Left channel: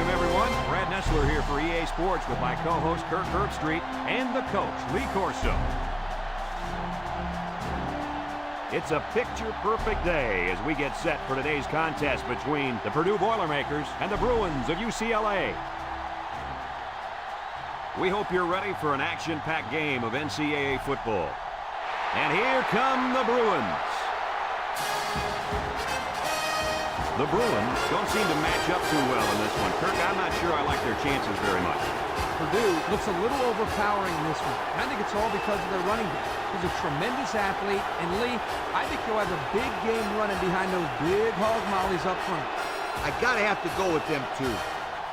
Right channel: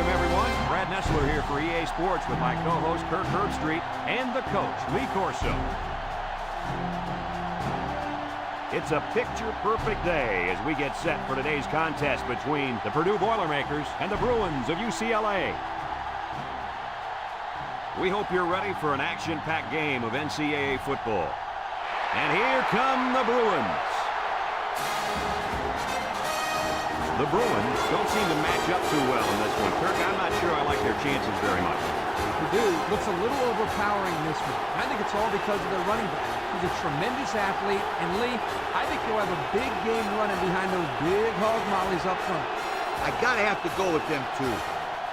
welcome everyone. Brad Nessler here for EA Sports with my co-host Kirk Herbstreit and the coach, Lee Corso. It's a picture-perfect day as we get set for today's contest between the Purdue Boilermakers and the Bruins of UCLA. We hope you're ready for an action-packed game of NCAA football. And here come the Bruins. The Bruins don't seem to match up too well in this one. Kirk, I'm not sure I like their chances very much. Purdue looks a little overpowering in this one. And I think it's all because of their running back. He's a tremendous athlete. And Lee, I think he'll have a big game running behind those big hog mollies up front. I gotta have to go with them too.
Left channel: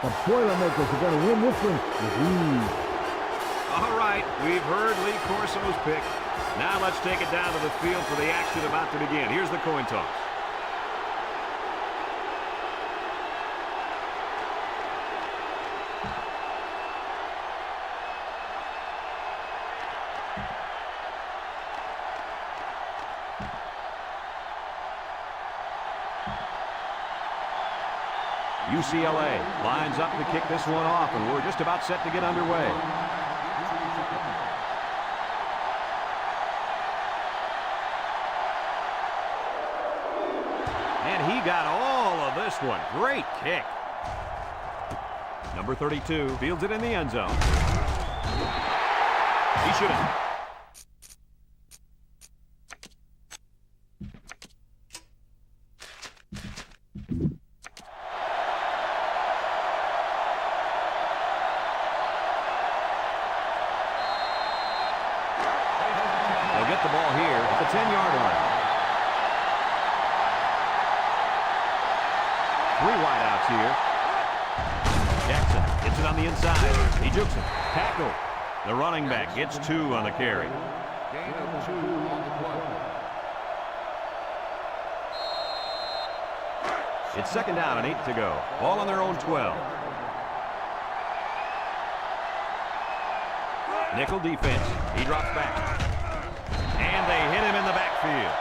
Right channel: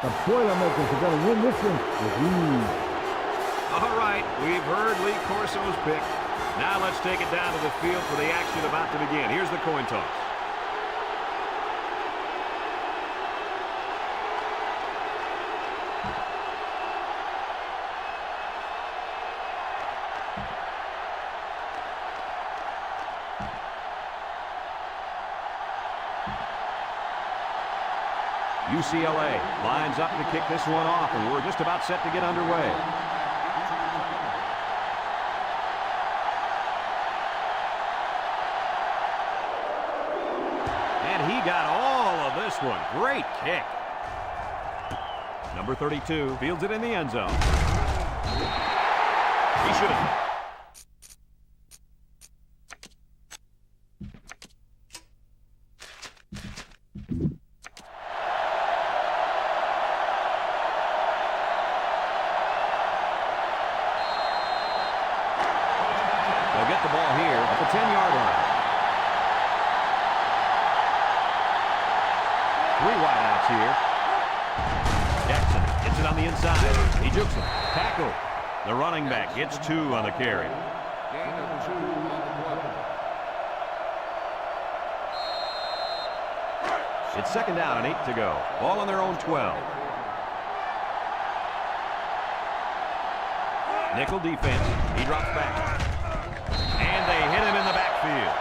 The Boilermakers are going to win this one with ease. All right, we've heard Lee Corso's pick. Now let's take it down to the field for the action about to begin. Here's the coin toss. UCLA lines up to kick this one off, and we're just about set to get underway. And he got all of this one. Great kick. Number 32 fields it in the end zone. He should have. They'll get the ball here at the 10-yard line. 3 wideouts here. Jackson gets it on the inside. He jukes it. Tackle. The running back gets 2 on the carry. Gain of 2 on the play. It's second down and 8 to go. Ball on their own 12. Nickel defense. He drops back. And they hit him in the backfield.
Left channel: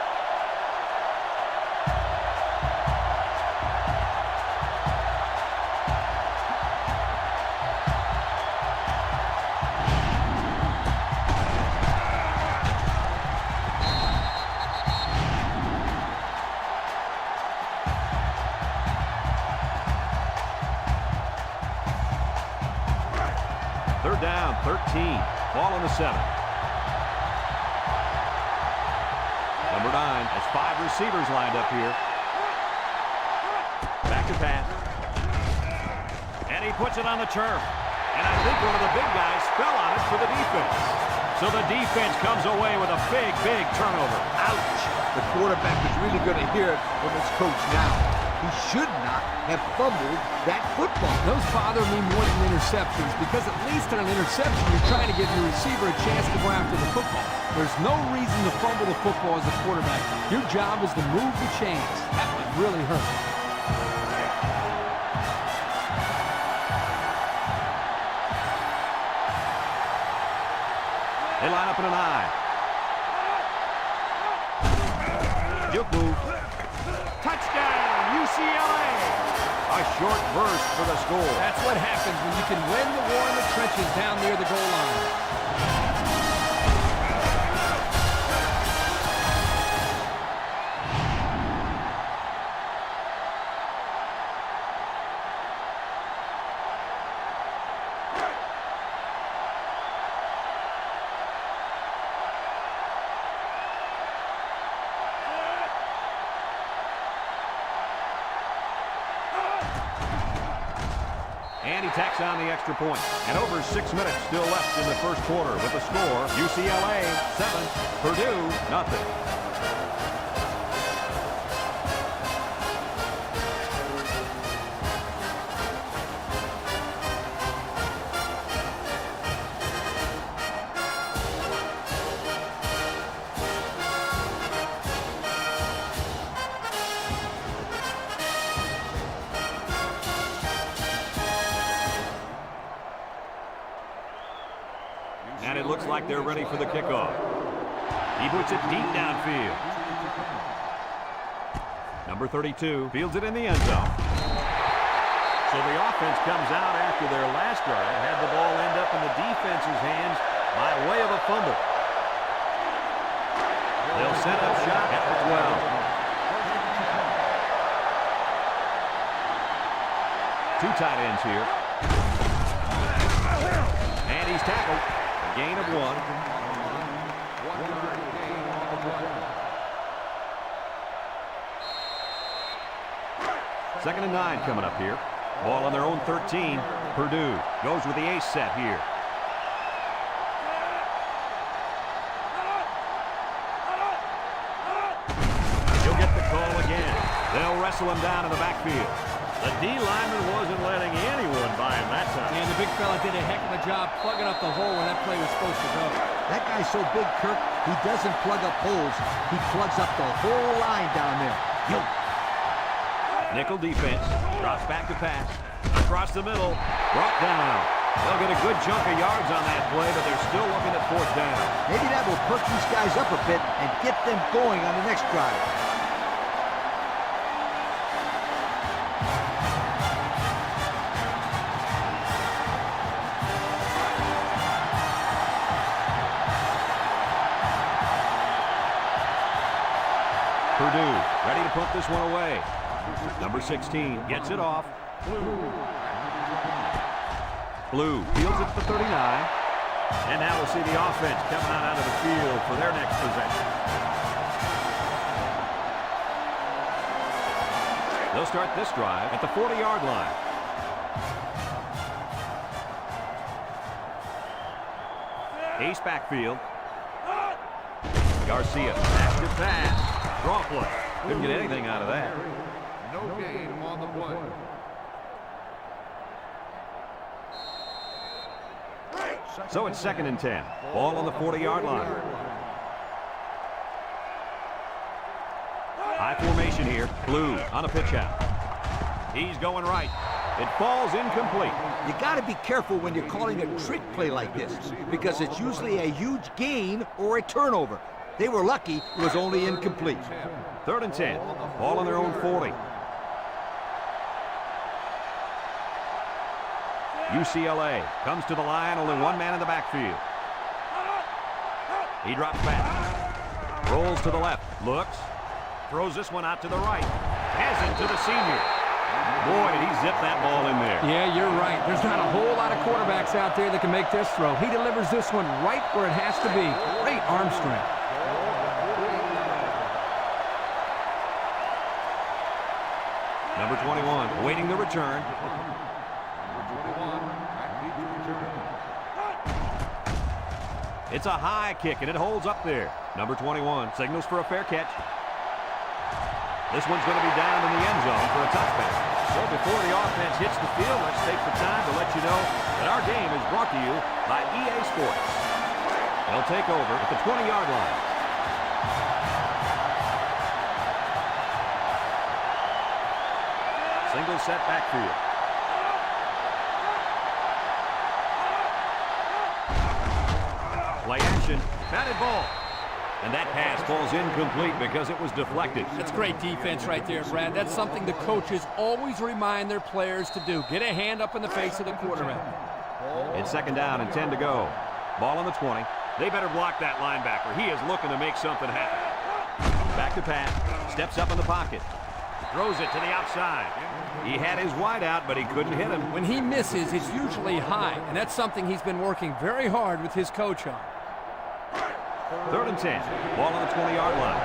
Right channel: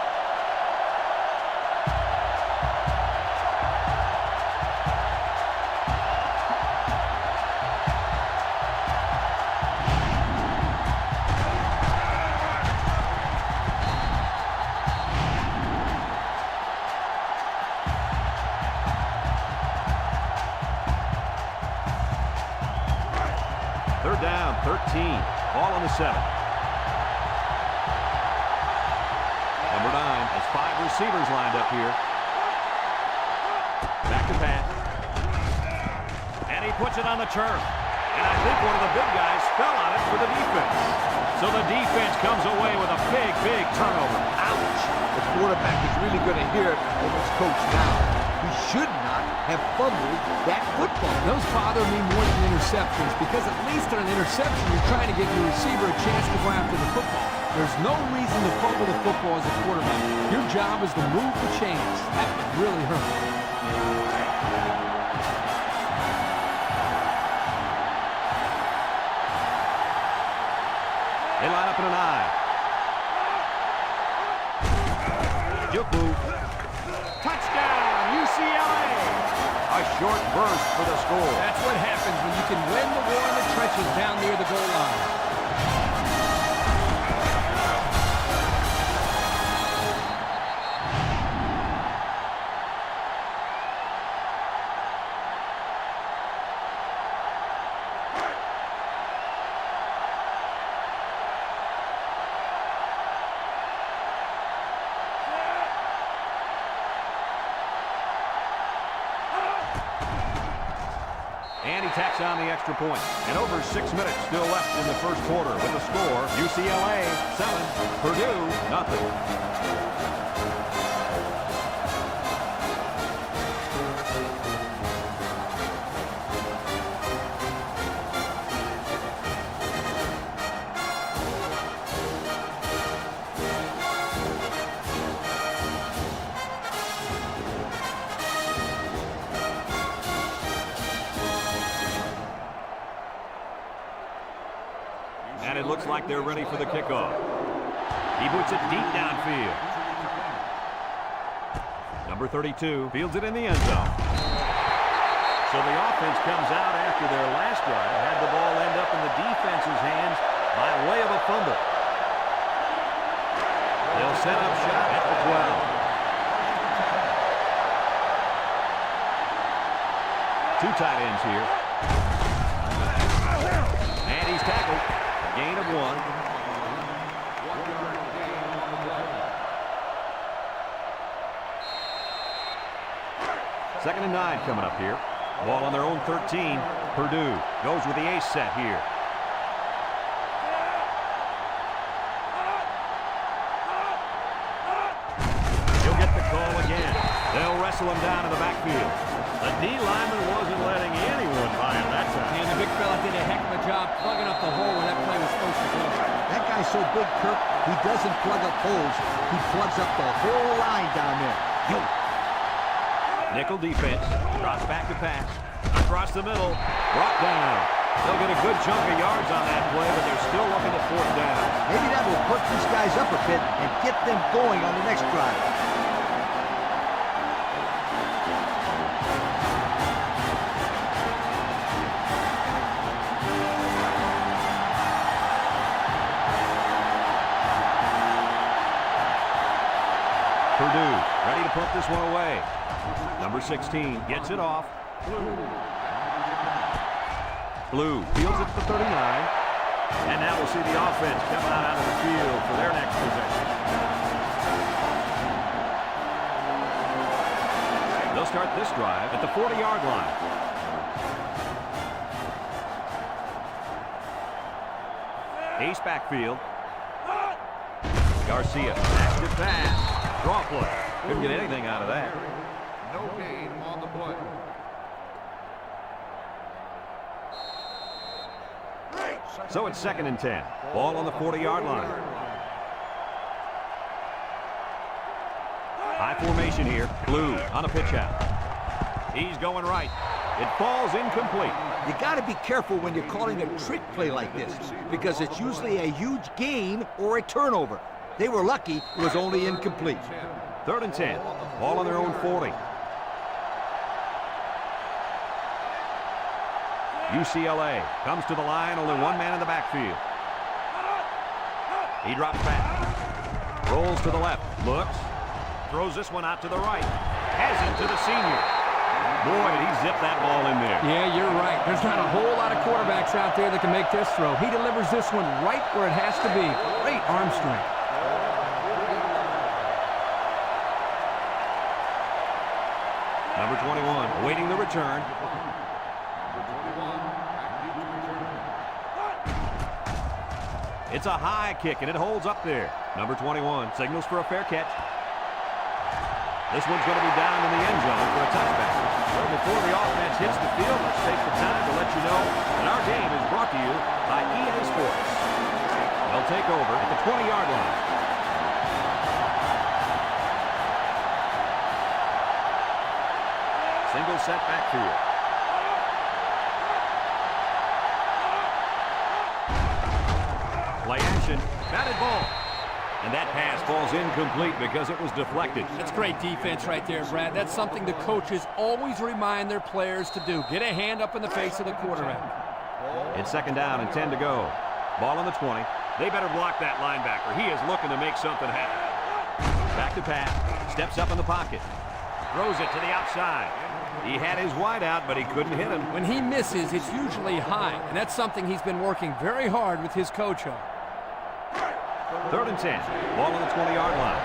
Third down, 13. Ball on the 7. Number 9 has 5 receivers lined up here. Back to pass. And he puts it on the turf. And I think one of the big guys fell on it for the defense. So the defense comes away with a big, big turnover. Ouch! The quarterback is really going to hear it from his coach now. He should not have fumbled that football. Those bother me more than interceptions because at least on an interception, you're trying to give your receiver a chance to go after the football. There's no reason to fumble the football as a quarterback. Your job is to move the chains. That would really hurt. They line up in an I. Juke move. Touchdown, UCLA! A short burst for the score. That's what happens when you can win the war in the trenches down near the goal line. And he tacks on the extra point. And over 6 minutes still left in the first quarter with the score, UCLA 7, Purdue nothing. And it looks like they're ready for the kickoff. He puts it deep downfield. Number 32 fields it in the end zone. So the offense comes out after their last drive, had the ball end up in the defense's hands by way of a fumble. They'll set up shop at the 12. Two tight ends here. And he's tackled. A gain of 1. 1 yard gain on the play. 2nd and 9 coming up here. Ball on their own 13. Purdue goes with the ace set here. He'll get the call again. They'll wrestle him down in the backfield. The D lineman wasn't letting anyone by him that time. And the big fella did a heck of a job plugging up the hole where that play was supposed to go. That guy's so big, Kirk, he doesn't plug up holes. He plugs up the whole line down there. Yo. Nickel defense. Drops back to pass. Across the middle. Brought down. They'll get a good chunk of yards on that play, but they're still looking at 4th down. Maybe that will perk these guys up a bit and get them going on the next drive. Purdue ready to punt this one away. Number 16 gets it off. Blue fields it to the 39. And now we'll see the offense coming out of the field for their next possession. They'll start this drive at the 40-yard line. Ace backfield. Garcia active pass. Draw play. Couldn't get anything out of that. No gain on the play. So it's 2nd and 10. Ball on the 40-yard line. High formation here. Blue on a pitch out. He's going right. It falls incomplete. You got to be careful when you're calling a trick play like this because it's usually a huge gain or a turnover. They were lucky it was only incomplete. 3rd and 10. Ball on their own 40. UCLA comes to the line, only one man in the backfield. He drops back. Rolls to the left. Looks. Throws this one out to the right. Has it to the senior. Boy, did he zip that ball in there. Yeah, you're right. There's not a whole lot of quarterbacks out there that can make this throw. He delivers this one right where it has to be. Great arm strength. Number 21, awaiting the return. Number 21, back deep to return. It's a high kick, and it holds up there. Number 21 signals for a fair catch. This one's going to be down in the end zone for a touchback. So before the offense hits the field, let's take the time to let you know that our game is brought to you by EA Sports. They'll take over at the 20-yard line. Single set backfield. Play action. Batted ball. And that pass falls incomplete because it was deflected. That's great defense right there, Brad. That's something the coaches always remind their players to do. Get a hand up in the face of the quarterback. It's 2nd down and 10 to go. Ball on the 20. They better block that linebacker. He is looking to make something happen. Back to pass. Steps up in the pocket. Throws it to the outside. He had his wide out, but he couldn't hit him. When he misses, it's usually high, and that's something he's been working very hard with his coach on. 3rd and 10. Ball on the 20-yard line.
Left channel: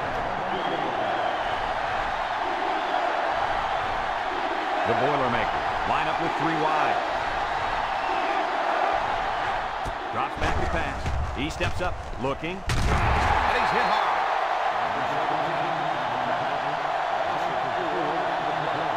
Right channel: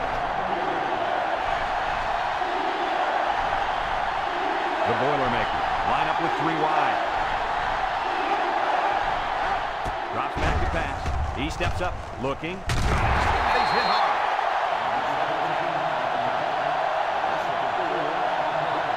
The Boilermakers line up with 3 wide. Drops back to pass. He steps up, looking, and he's hit hard. Number 17 on the tackle. Loss of 4 on the play.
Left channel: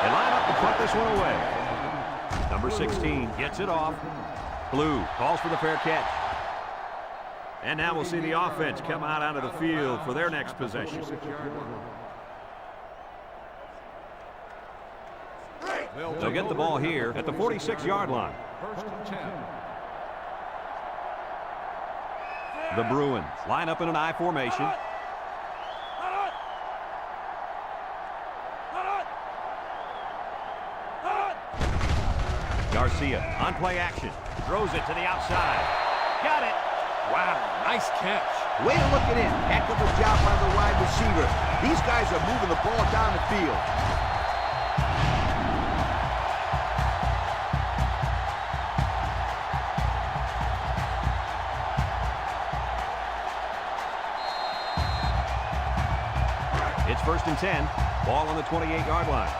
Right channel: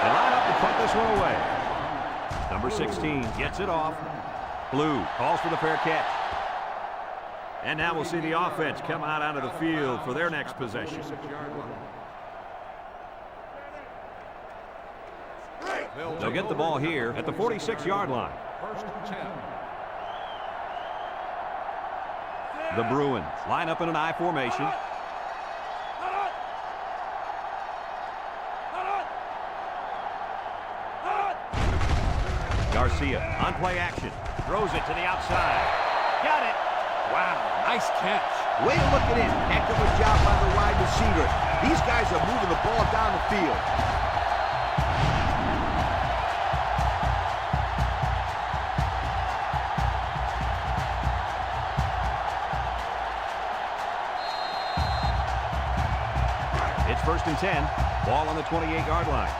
They line up to punt this one away. Number 16 gets it off. Blue calls for the fair catch. And now we'll see the offense come out onto the field for their next possession. They'll get the ball here at the 46-yard line. First and 10. The Bruins line up in an I formation. Garcia on play action. Throws it to the outside. Got it. Wow, nice catch. Way to look it in. Heck of a job by the wide receiver. These guys are moving the ball down the field. It's first and 10. Ball on the 28-yard line.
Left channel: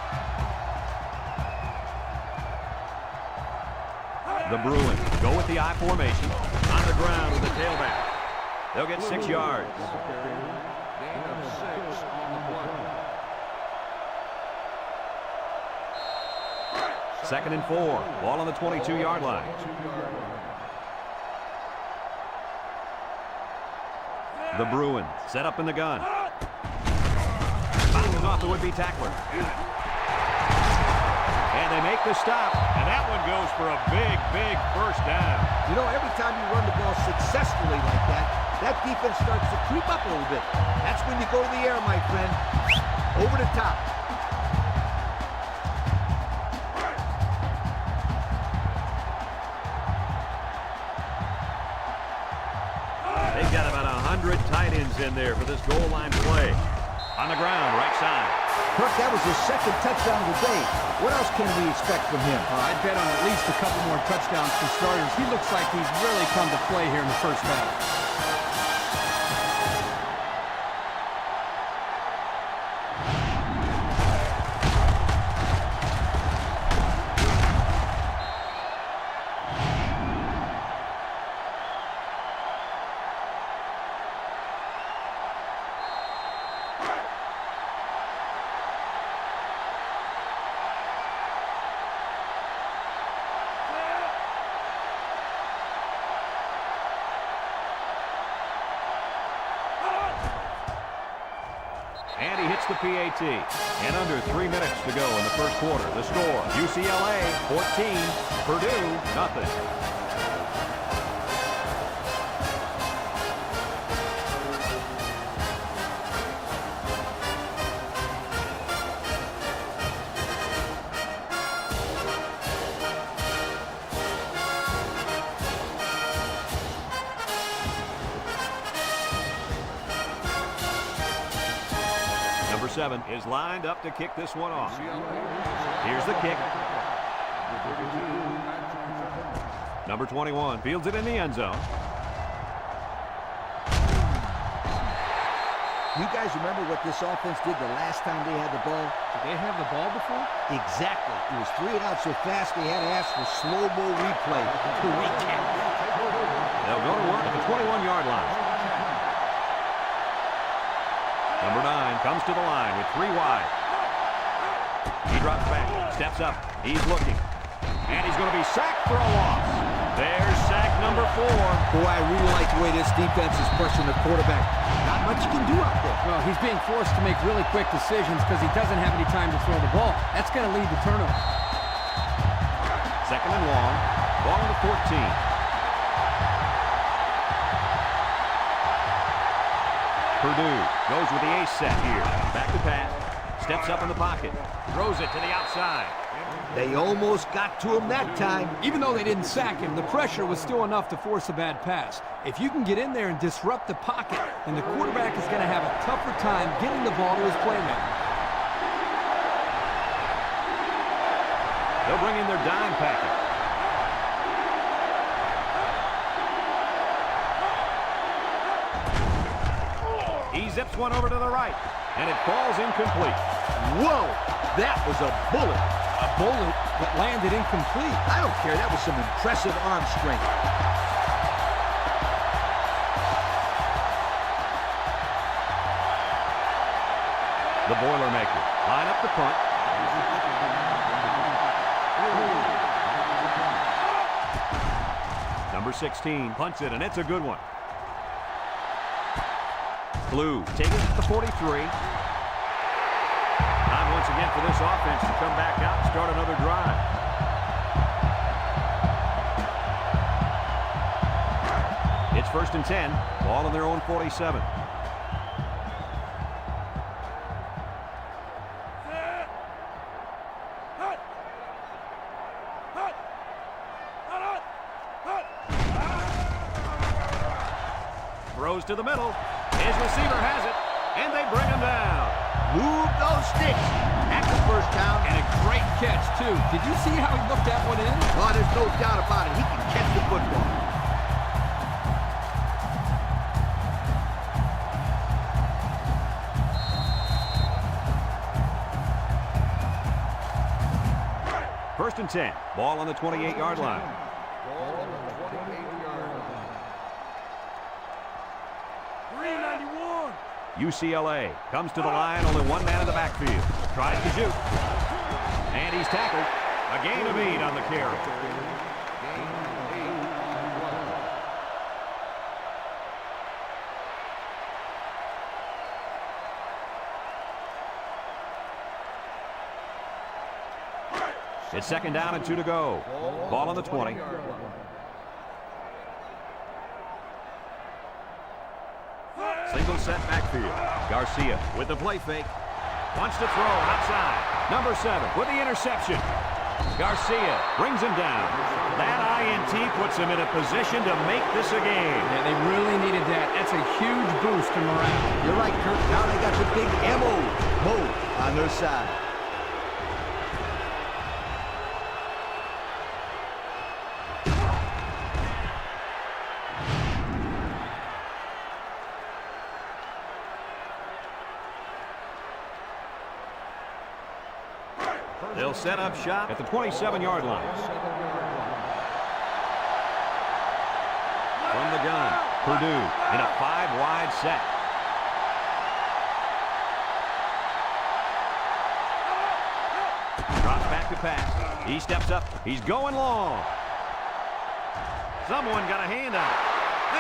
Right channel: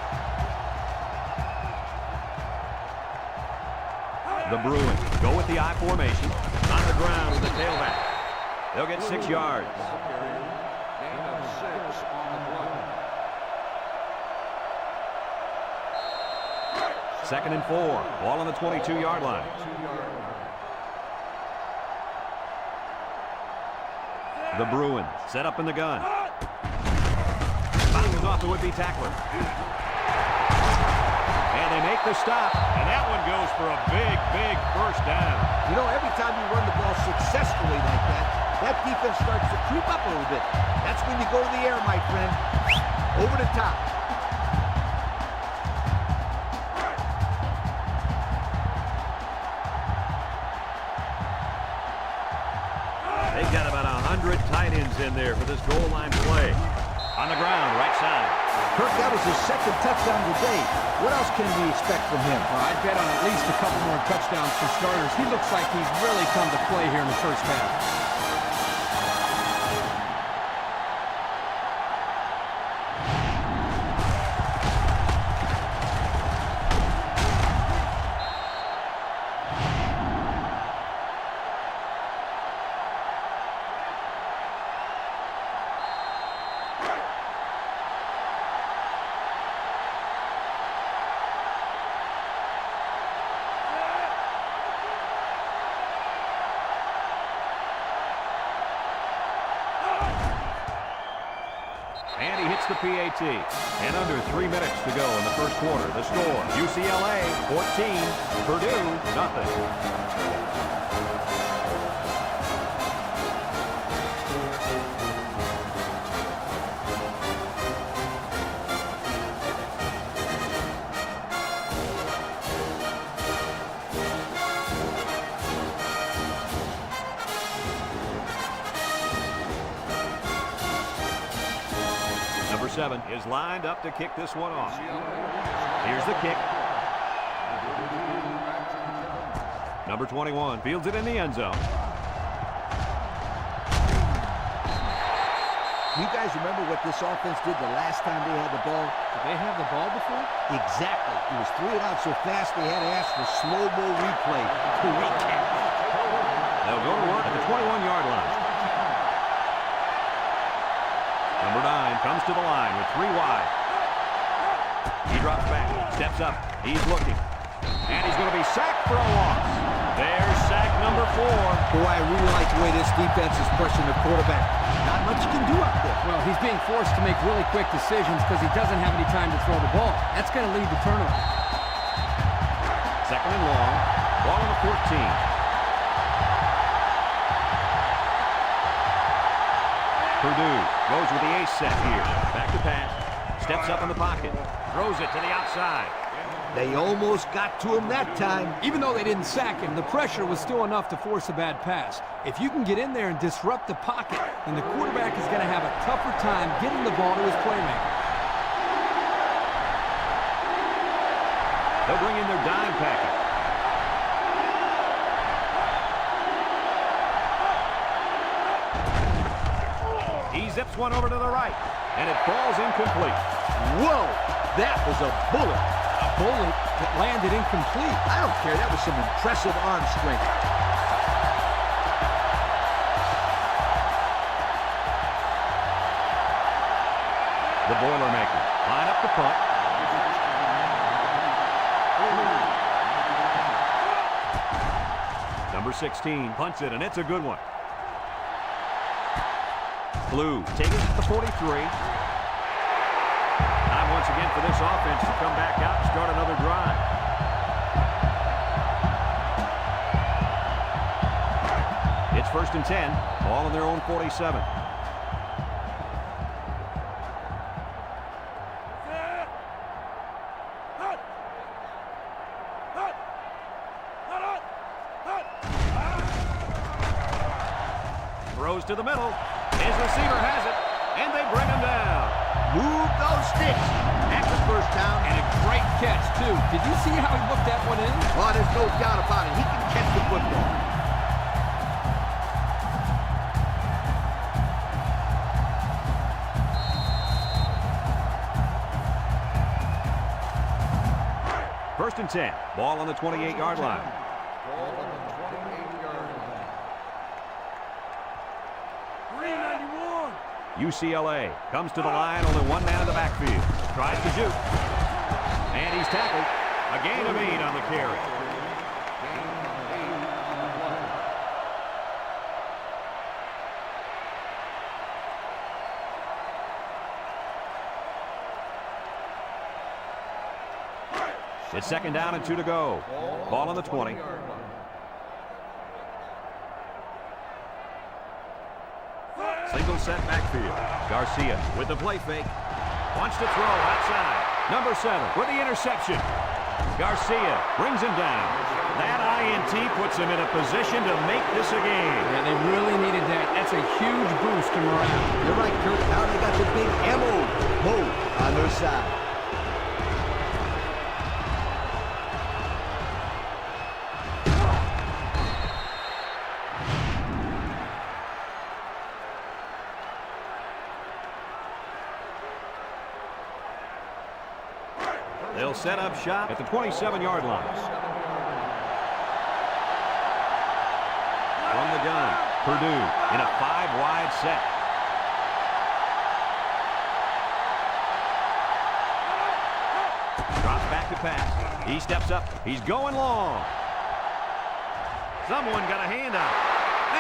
The Bruins go with the I formation. On the ground with the tailback. They'll get 6 yards. Ball carrier. Gain of 6 on the play. Second and 4. Ball on the 22-yard line. 22-yard line. The Bruins set up in the gun. Bounces off the would-be tackler. And they make the stop, and that one goes for a big, big first down. You know, every time you run the ball successfully like that, that defense starts to creep up a little bit. That's when you go to the air, my friend. Over the top. They've got about 100 tight ends in there for this goal line play. On the ground, right side. Kirk, that was his second touchdown of the day. What else can we expect from him? I'd bet on at least a couple more touchdowns for starters. He looks like he's really come to play here in the first half. And he hits the PAT. And under 3 minutes to go in the first quarter. The score, UCLA 14, Purdue nothing. Number 7 is lined up to kick this one off. Here's the kick. Number 21 fields it in the end zone. You guys remember what this offense did the last time they had the ball? Did they have the ball before? Exactly. It was 3 and out so fast they had to ask for slow-mo replay to recap. They'll go to work at the 21-yard line. Number 9 comes to the line with 3 wide. He drops back, steps up, he's looking. And he's going to be sacked for a loss. There's sack number 4. Boy, I really like the way this defense is pushing the quarterback. Not much you can do out there. Well, he's being forced to make really quick decisions because he doesn't have any time to throw the ball. That's going to lead to turnover. Second and long. Ball on the 14. Purdue goes with the ace set here. Back to pass. Steps up in the pocket. Throws it to the outside. They almost got to him that time. Even though they didn't sack him, the pressure was still enough to force a bad pass. If you can get in there and disrupt the pocket, then the quarterback is going to have a tougher time getting the ball to his playmaker. They'll bring in their dime package. He zips one over to the right, and it falls incomplete. Whoa, that was a bullet. A bullet that landed incomplete. I don't care. That was some impressive arm strength. The Boilermaker line up the punt. Number 16 punts it, and it's a good one. Blue taking it at the 43. Time once again for this offense to come back out and start another drive. It's 1st and 10. Ball on their own 47. Throws to the middle. His receiver has it, and they bring him down. Move those sticks. That's the first down. And a great catch, too. Did you see how he looked that one in? Well, there's no doubt about it. He can catch the football. First and 10. Ball on the 28-yard line. Ball on the 28-yard line. 391. UCLA comes to the line, only one man in the backfield. Tries to shoot. And he's tackled. A gain of 8 on the carry. Gain of 8 on the play. It's 2nd down and 2 to go. Ball on the 20. 20-yard line. Single set backfield. Garcia with the play fake. Wants to throw outside. Number 7 with the interception. Garcia brings him down. That INT puts him in a position to make this a game. Yeah, they really needed that. That's a huge boost to morale. You're right, Kurt. Now they got the big Mo on their side. They'll set up shop at the 27-yard line. 7-yard line. From the gun, Purdue in a 5-wide set. Drops back to pass. He steps up. He's going long. Someone got a hand on it.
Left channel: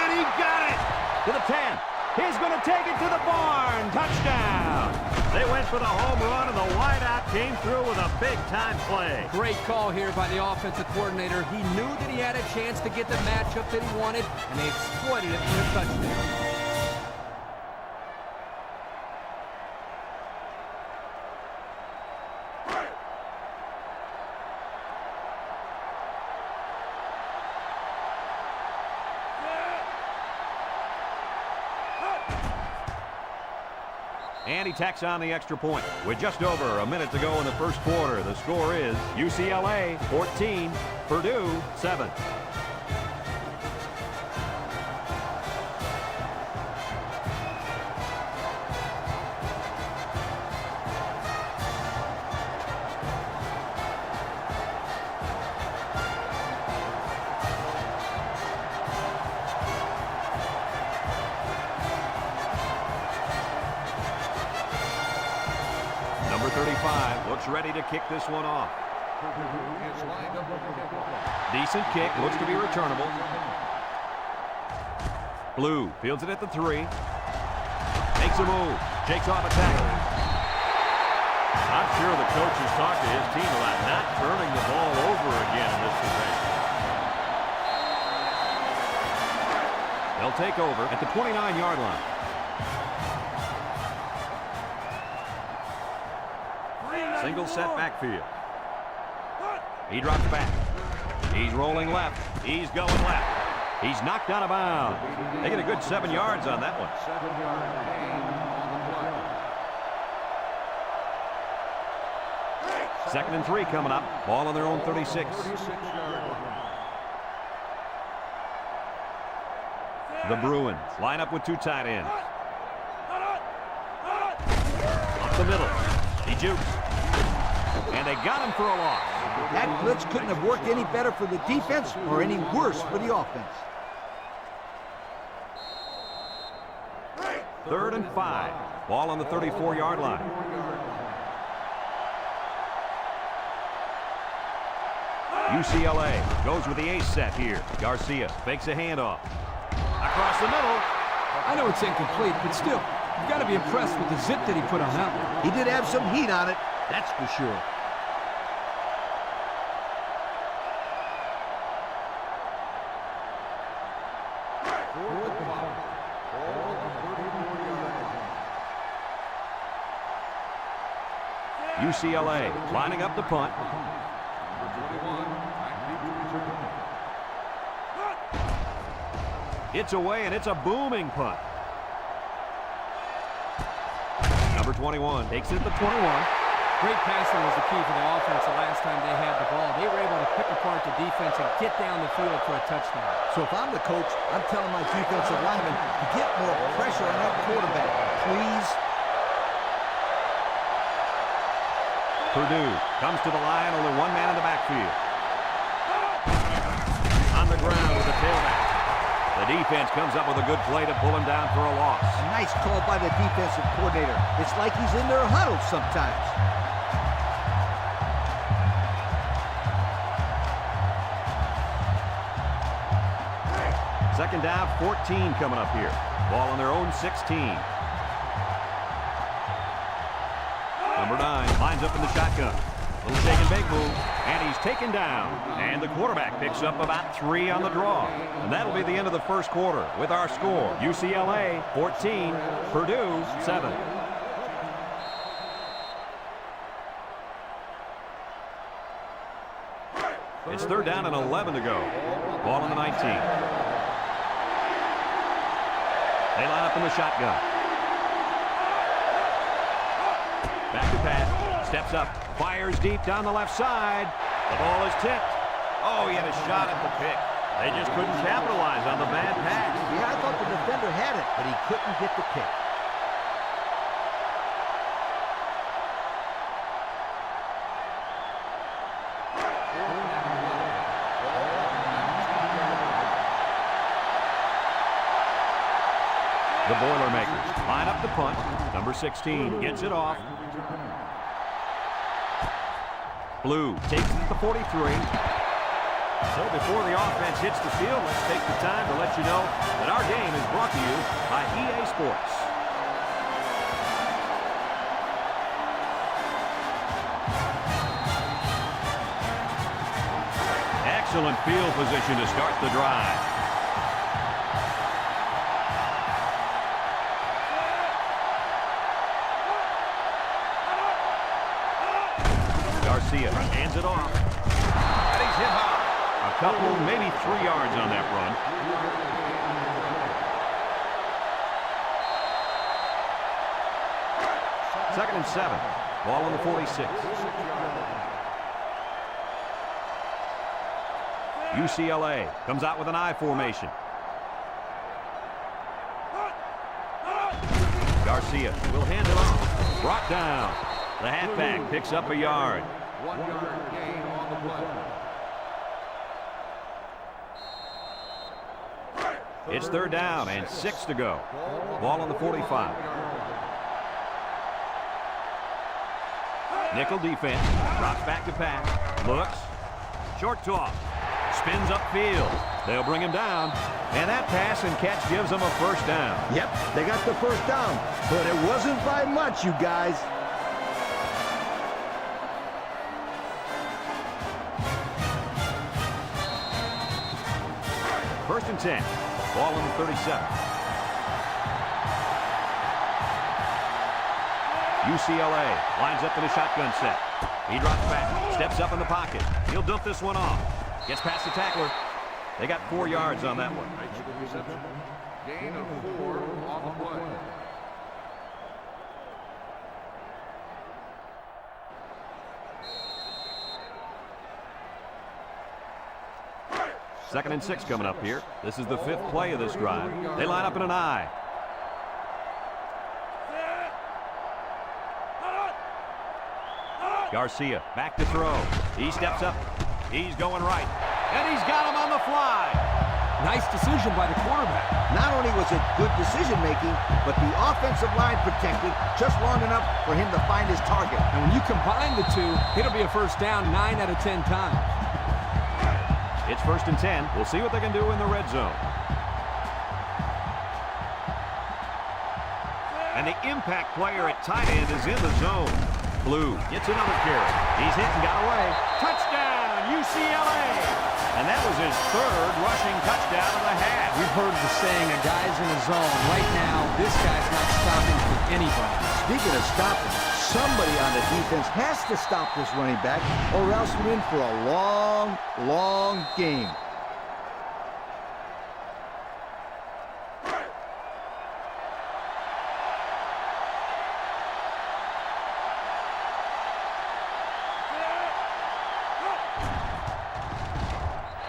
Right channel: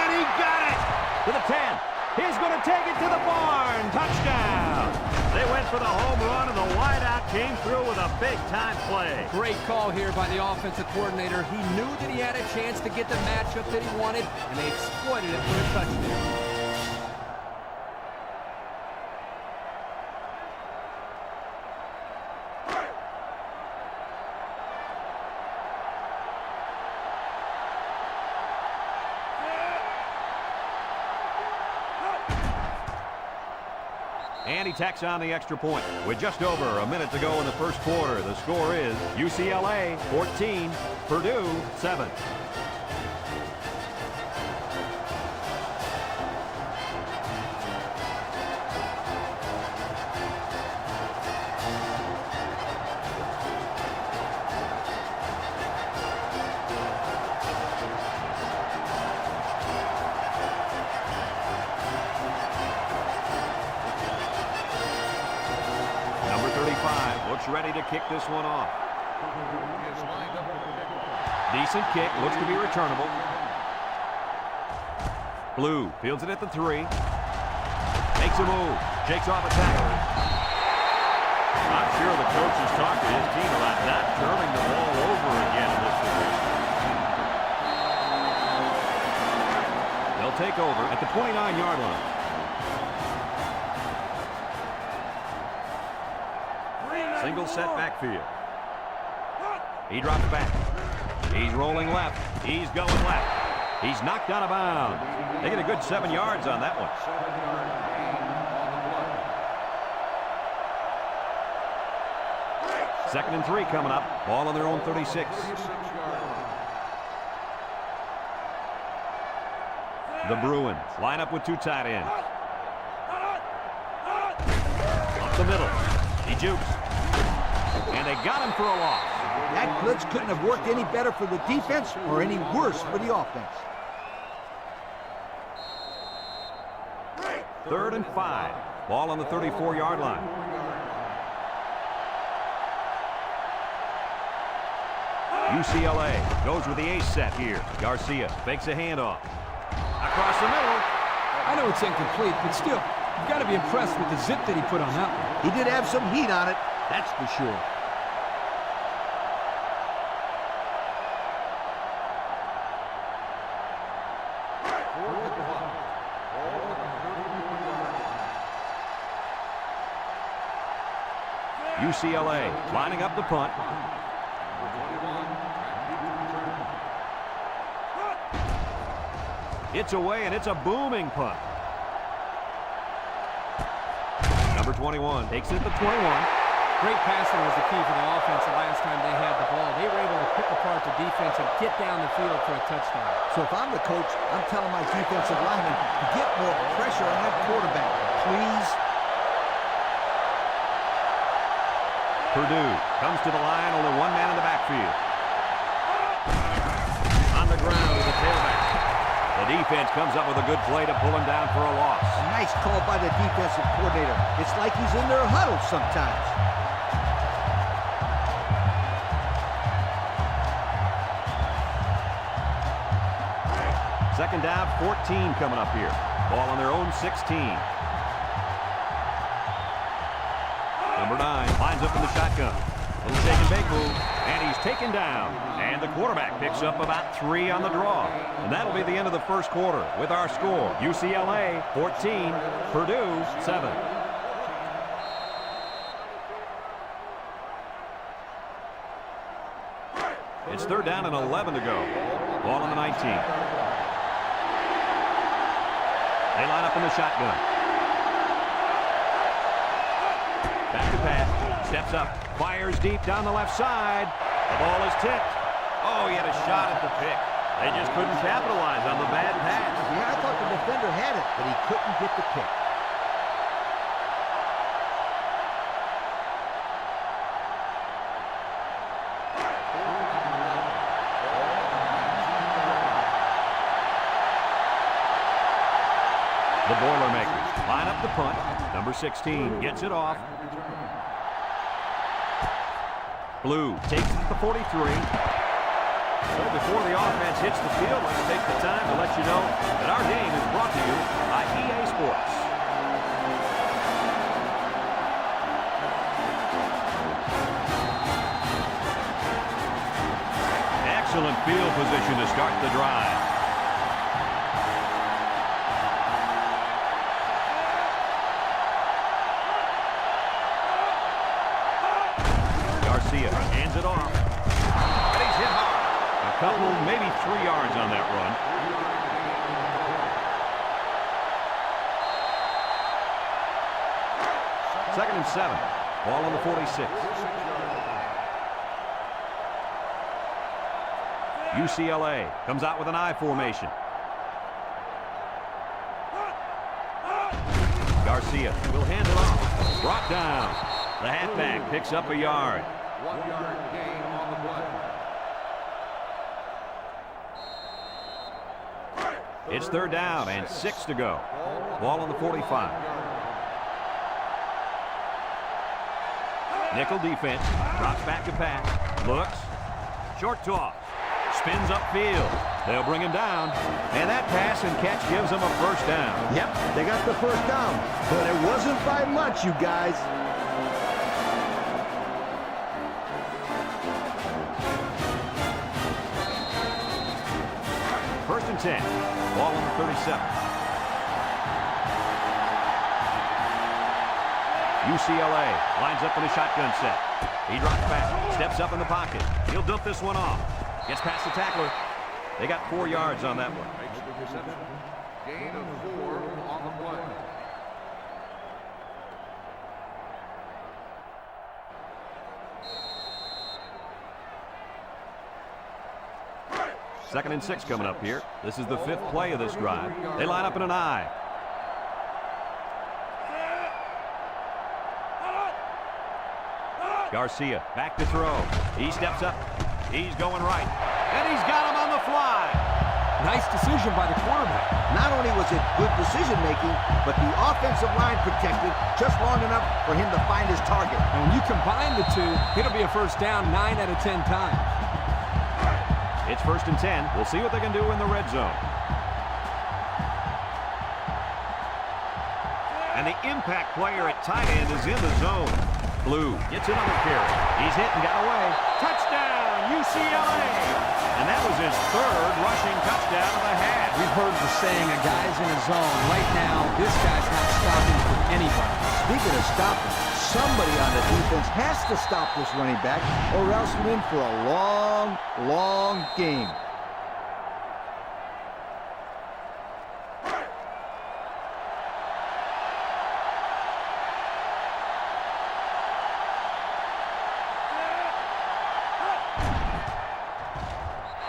And he got it to the 10. He's going to take it to the barn. Touchdown. They went for the home run, and the wideout came through with a big-time play. Great call here by the offensive coordinator. He knew that he had a chance to get the matchup that he wanted, and they exploited it for a touchdown. And he tacks on the extra point. With just over a minute to go in the first quarter, the score is UCLA 14, Purdue 7. Number 35 looks ready to kick this one off. Purdue is lined up with the kickoff. Decent kick, looks to be returnable. Blue fields it at the 3. Makes a move, shakes off a tackle. I'm sure the coach has talked to his team about not turning the ball over again in this possession. They'll take over at the 29-yard line. Single set backfield. He drops back. He's rolling left. He's going left. He's knocked out of bounds. They get a good 7 yards on that one. 7-yard gain on the play. 2nd and 3 coming up. Ball on their own 36. 36-yard line. The Bruins line up with 2 tight ends. Up the middle. He jukes. And they got him for a loss. That blitz couldn't have worked any better for the defense or any worse for the offense. 3rd and 5. Ball on the 34-yard line. 34-yard line. UCLA goes with the ace set here. Garcia fakes a handoff. Across the middle. I know it's incomplete, but still, You've got to be impressed with the zip that he put on that one. He did have some heat on it, that's for sure. Fourth and 5. Ball on the 34-yard line. UCLA lining up the punt. Number 21, back deep to return. It's away, and it's a booming punt. Number 21 takes it at the 21. Great passing was the key for the offense the last time they had the ball. They were able to pick apart the defense and get down the field for a touchdown. So if I'm the coach, I'm telling my defensive linemen to get more pressure on that quarterback, please. Purdue comes to the line, only one man in the backfield. On the ground with the tailback. The defense comes up with a good play to pull him down for a loss. A nice call by the defensive coordinator. It's like he's in their huddle sometimes. Second down, 14 coming up here. Ball on their own 16. Number 9 lines up in the shotgun. Little shake and bake move, and he's taken down. And the quarterback picks up about 3 on the draw. And that'll be the end of the first quarter with our score. UCLA 14, Purdue 7. It's third down and 11 to go. Ball on the 19. They line up in the shotgun. Back to pass. Steps up. Fires deep down the left side. The ball is tipped. Oh, he had a shot at the pick. They just couldn't capitalize on the bad pass. Yeah, I thought the defender had it, but he couldn't get the pick. The Boilermakers line up the punt. Number 16 gets it off. Blue takes it at the 43. So before the offense hits the field, let's take the time to let you know that our game is brought to you by EA Sports. Excellent field position to start the drive. Garcia hands it off. And he's hit hard. A couple, maybe 3 yards on that run. Second and 7. Ball on the 46. UCLA comes out with an I formation. Garcia will hand it off. Brought down. The halfback picks up a yard. 1 yard gain on the play. It's third down and 6 to go. Ball on the 45. Nickel defense. Drops back to pass. Looks. Short toss. Spins upfield. They'll bring him down. And that pass and catch gives them a first down. Yep, they got the first down, but it wasn't by much, you guys. First and 10. Ball on the 37. UCLA lines up in a shotgun set. He drops back, steps up in the pocket. He'll dump this one off. Gets past the tackler. They got 4 yards on that one. Makes the reception. Gain of 4 on the play. Second and 6 coming up here. This is the 5th play of this drive. They line up in an I. Garcia back to throw. He steps up. He's going right. And he's got him on the fly. Nice decision by the quarterback. Not only was it good decision-making, but the offensive line protected just long enough for him to find his target. And when you combine the two, it'll be a first down 9 out of 10 times. It's first and 10. We'll see what they can do in the red zone. And the impact player at tight end is in the zone. Blue gets another carry. He's hit and got away. Touchdown, UCLA! And that was his third rushing touchdown of the half. We've heard the saying, a guy's in a zone. Right now, this guy's not stopping for anybody. Speaking of stopping, somebody on the defense has to stop this running back, or else we're in for a long, long game.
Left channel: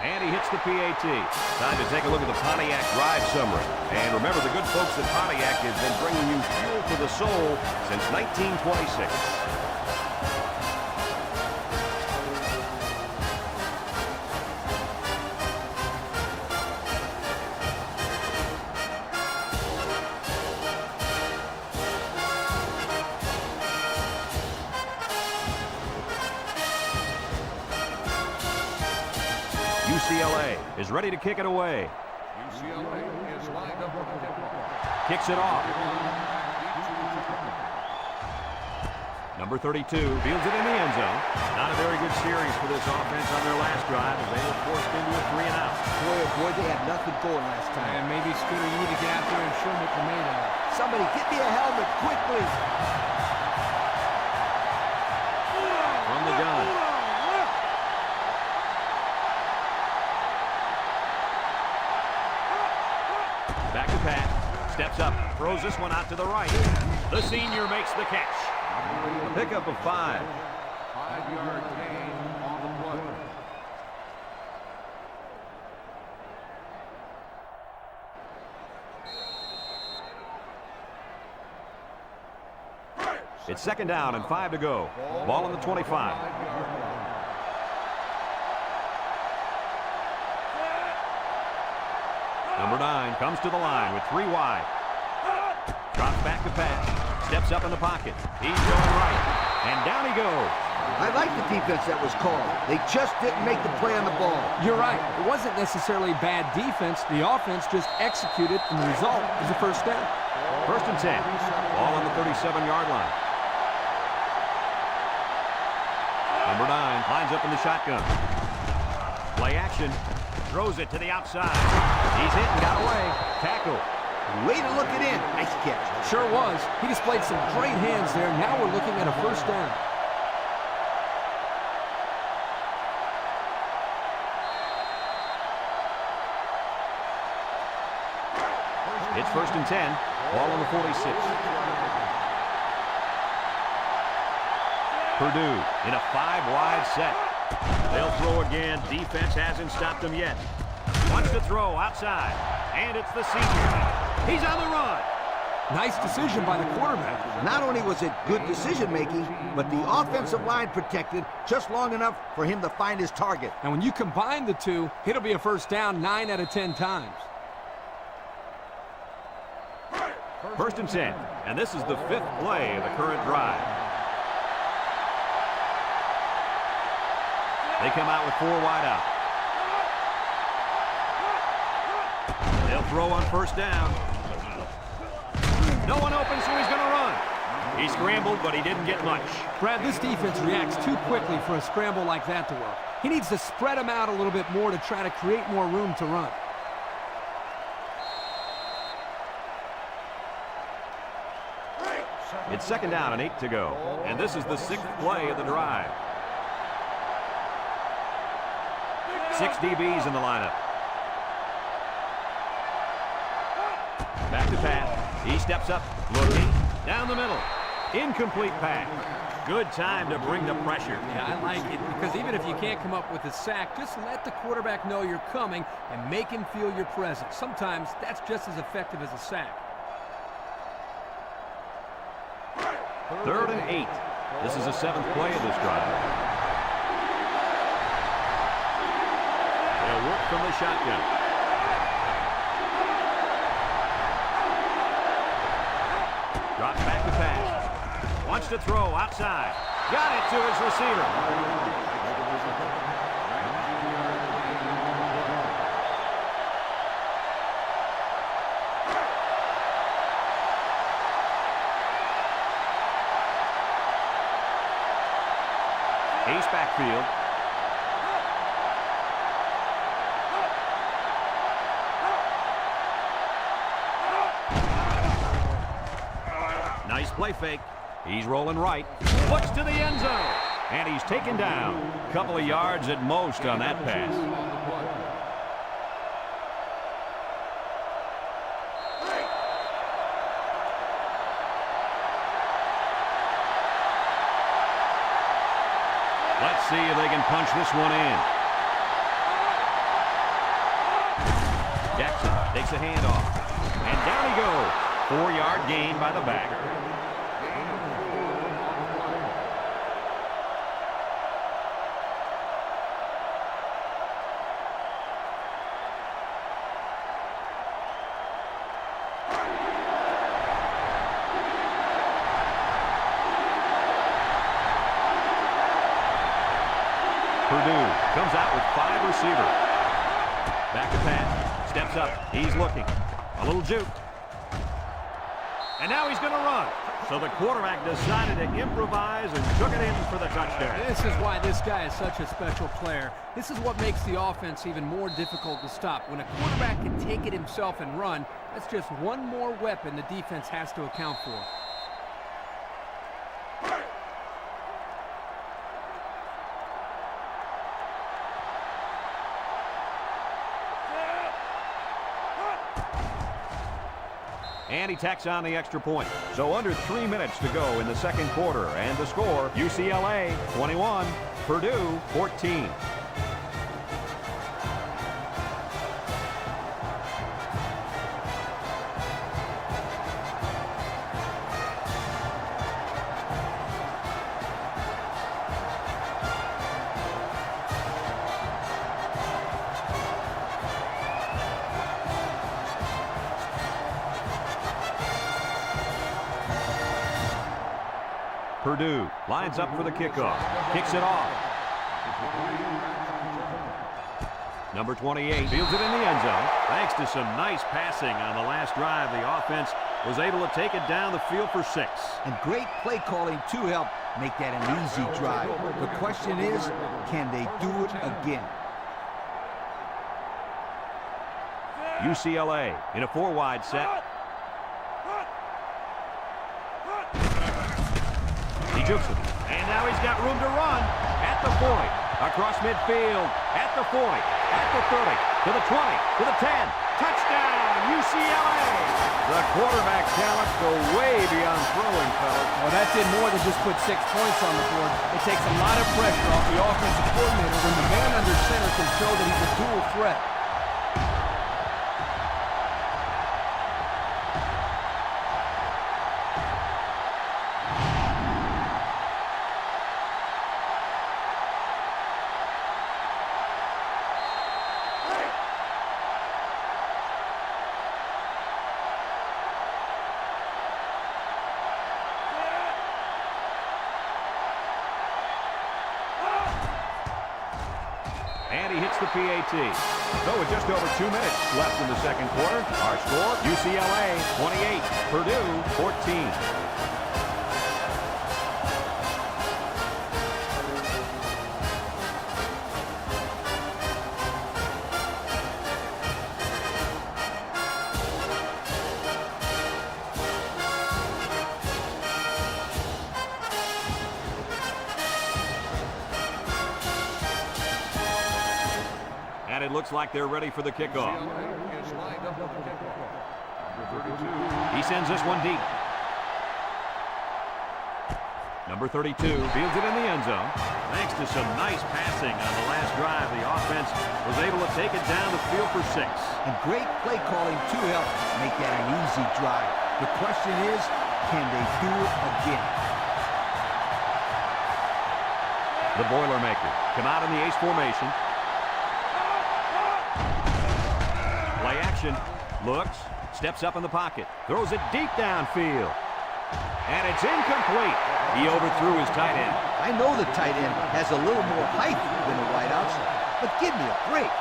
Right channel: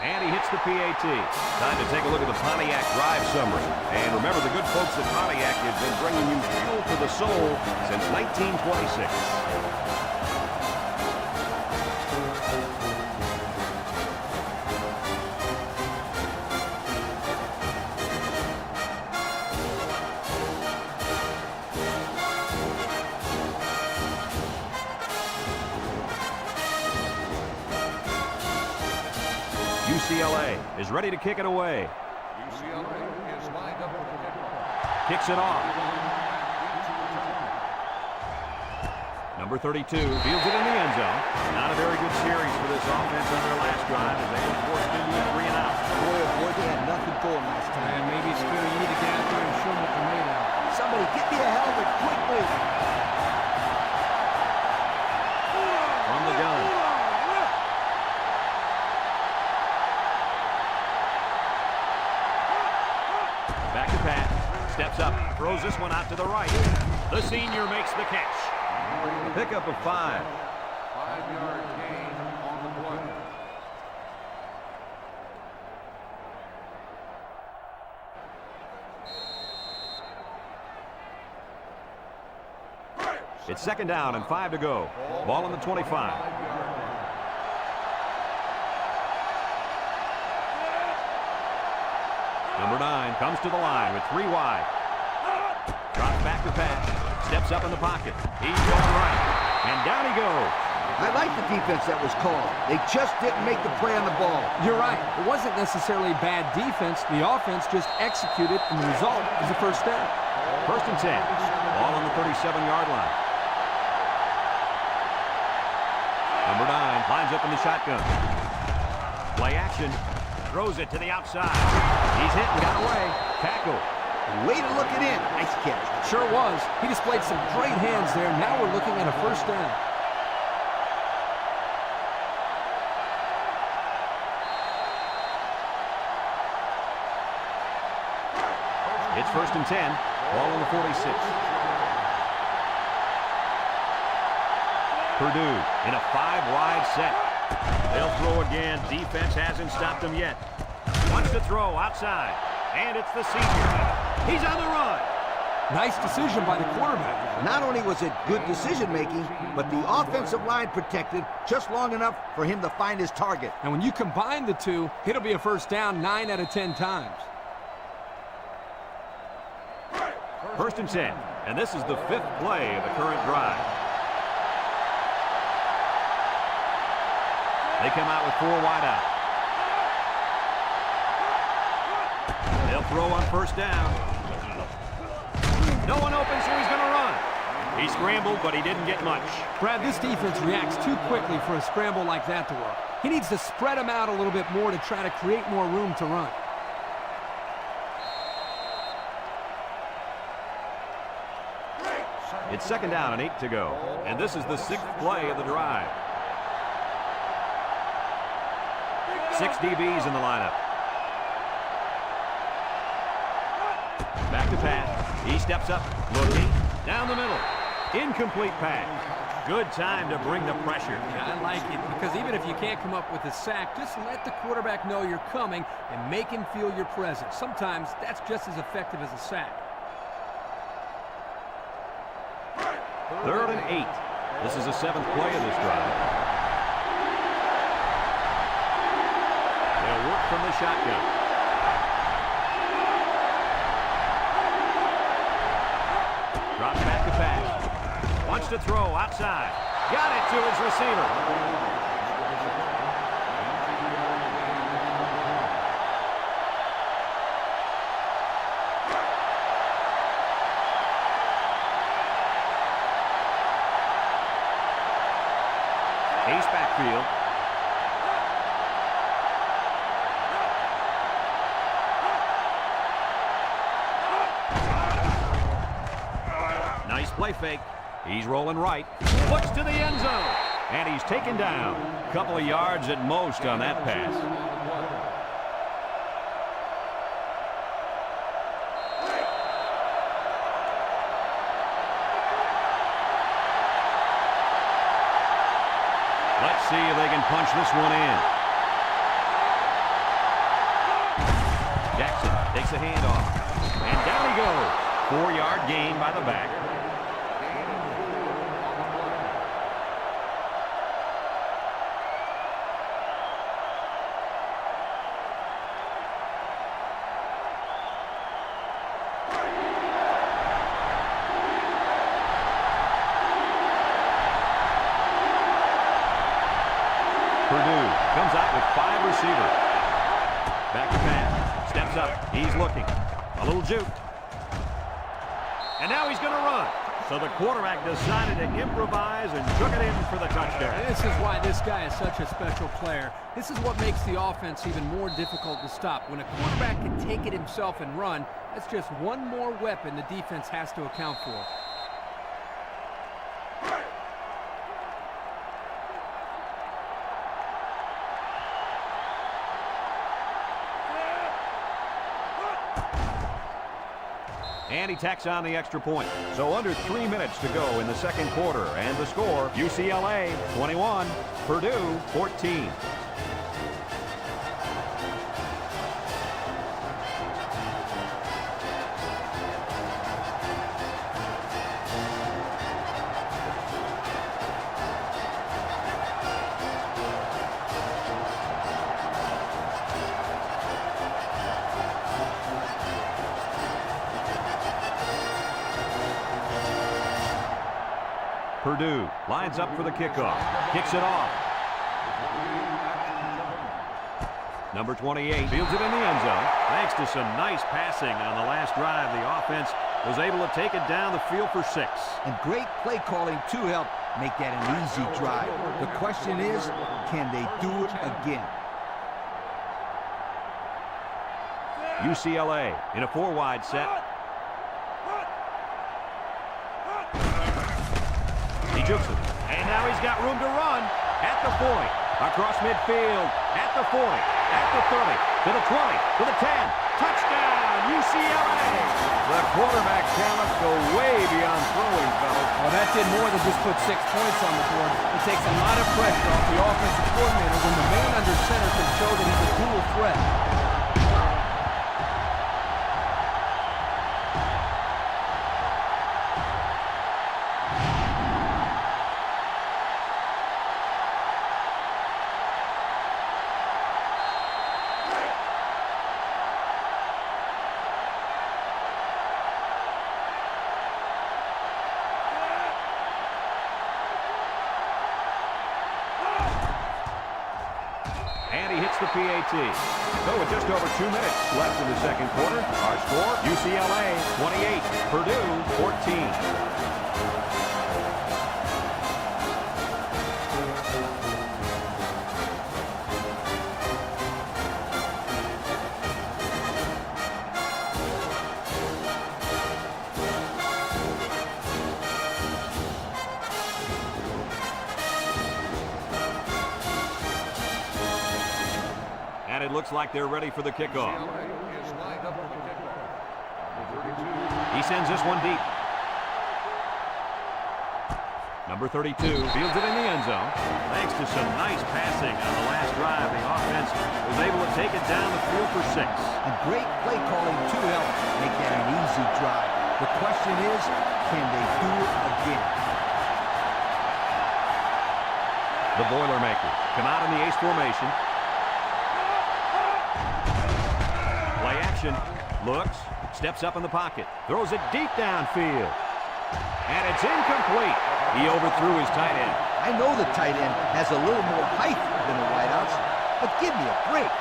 And he hits the PAT. Time to take a look at the Pontiac drive summary. And remember, the good folks at Pontiac have been bringing you fuel for the soul since 1926. UCLA is ready to kick it away. UCLA is lined up for the kickoff. Kicks it off. Back into return. Number 32 fields it in the end zone. Not a very good series for this offense on their last drive as they were forced into a 3-and-out. Boy, oh boy, they had nothing going last time. And maybe, Scooter, you need to get out there and show them what you're made of. Somebody get me a helmet quickly. From the gun. Back to Pat. Steps up. Throws this one out to the right. The senior makes the catch. A pickup of 5. 5-yard gain on the play. It's second down and 5 to go. Ball on the 25. 5-yard line. Number 9 comes to the line with 3 wide. Drops back to Pat. Steps up in the pocket. He's going right. And down he goes. I like the defense that was called. They just didn't make the play on the ball. You're right. It wasn't necessarily bad defense. The offense just executed, and the result is a first down. First and 10. Ball on the 37-yard line. Number 9 lines up in the shotgun. Play action. Throws it to the outside. He's hit and got away. Tackle. Way to look it in. Nice catch. Sure was. He displayed some great hands there. Now we're looking at a first down. It's first and 10. Ball on the 46. Purdue in a 5-wide set. They'll throw again. Defense hasn't stopped them yet. Wants to throw outside. And it's the senior. He's on the run. Nice decision by the quarterback. Not only was it good decision-making, but the offensive line protected just long enough for him to find his target. And when you combine the two, it'll be a first down 9 out of 10 times. First and 10. And this is the 5th play of the current drive. They come out with 4 wide out. They'll throw on first down. No one open, so he's going to run. He scrambled, but he didn't get much. Brad, this defense reacts too quickly for a scramble like that to work. He needs to spread them out a little bit more to try to create more room to run. It's second down and 8 to go. And this is the 6th play of the drive. 6 DBs in the lineup. Back to Pat. He steps up, looking, down the middle. Incomplete pass. Good time to bring the pressure. Yeah, I like it because even if you can't come up with a sack, just let the quarterback know you're coming and make him feel your presence. Sometimes that's just as effective as a sack. Third and 8. This is the 7th play of this drive. They'll work from the shotgun. Drops back to pass. Wants to throw outside. Got it to his receiver. Ace backfield. Nice play fake. He's rolling right. Looks to the end zone. And he's taken down. A couple of yards at most on that pass. Let's see if they can punch this one in. Jackson takes a handoff. And down he goes. 4-yard gain by the back. Gain of 4 on the play. Purdue comes out with 5 receivers. Back to pass. Steps up. He's looking. A little juke. And now he's going to run. So the quarterback decided to improvise and took it in for the touchdown. This is why this guy is such a special player. This is what makes the offense even more difficult to stop. When a quarterback can take it himself and run, that's just one more weapon the defense has to account for. And he tacks on the extra point. So under 3 minutes to go in the second quarter. And the score, UCLA 21, Purdue 14. Purdue lines up for the kickoff. Kicks it off. Number 28 fields it in the end zone. Thanks to some nice passing on the last drive, the offense was able to take it down the field for 6. And great play calling to help make that an easy drive. The question is, can they do it again? UCLA in a 4-wide set. He jukes it. And now he's got room to run at the 40. Across midfield. At the 40. At the 30. To the 20. To the 10. Touchdown, UCLA! The quarterback talents go way beyond throwing, fellas. Well, that did more than just put 6 points on the board. It takes a lot of pressure off the offensive coordinator when the man under center can show that he's a dual threat. And he hits the PAT. So with just over 2 minutes left in the second quarter, our score, UCLA 28, Purdue 14. And it looks like they're ready for the kickoff. UCLA is lined up for the kickoff. Number 32. He sends this one deep. Number 32 fields it in the end zone. Thanks to some nice passing on the last drive, the offense was able to take it down the field for 6. And great play calling to help make that an easy drive. The question is, can they do it again? The Boilermakers come out in the ace formation. Play action. Looks. Steps up in the pocket. Throws it deep downfield. And it's incomplete. He overthrew his tight end. I know the tight end has a little more height than the wideouts, but give me a break.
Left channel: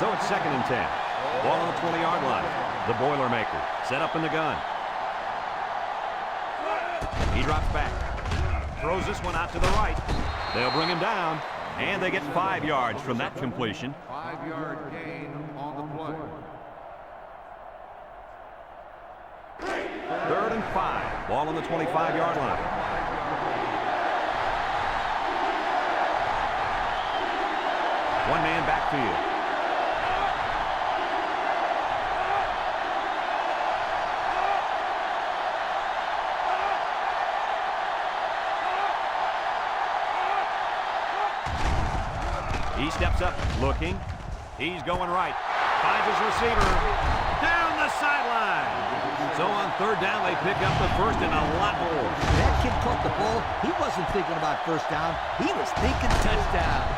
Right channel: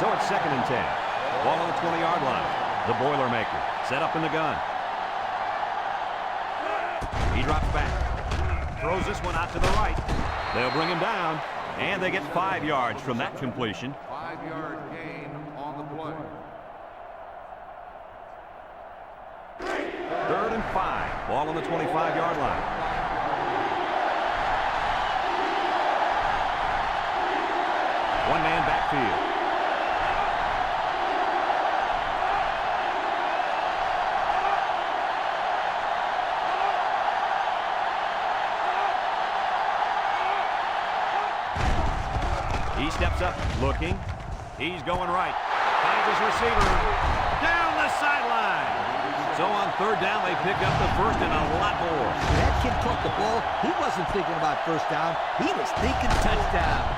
So it's 2nd and 10. Ball on the 20-yard line. The Boilermaker set up in the gun. He drops back. throws this one out to the right. They'll bring him down, and they get 5 yards from that completion. 5-yard gain on the play. 3rd and 5. Ball on the 25-yard line. One-man backfield. He steps up, looking. He's going right. Finds his receiver. Down the sideline. So on 3rd down, they pick up the first and a lot more. That kid caught the ball. He wasn't thinking about first down. He was thinking touchdown.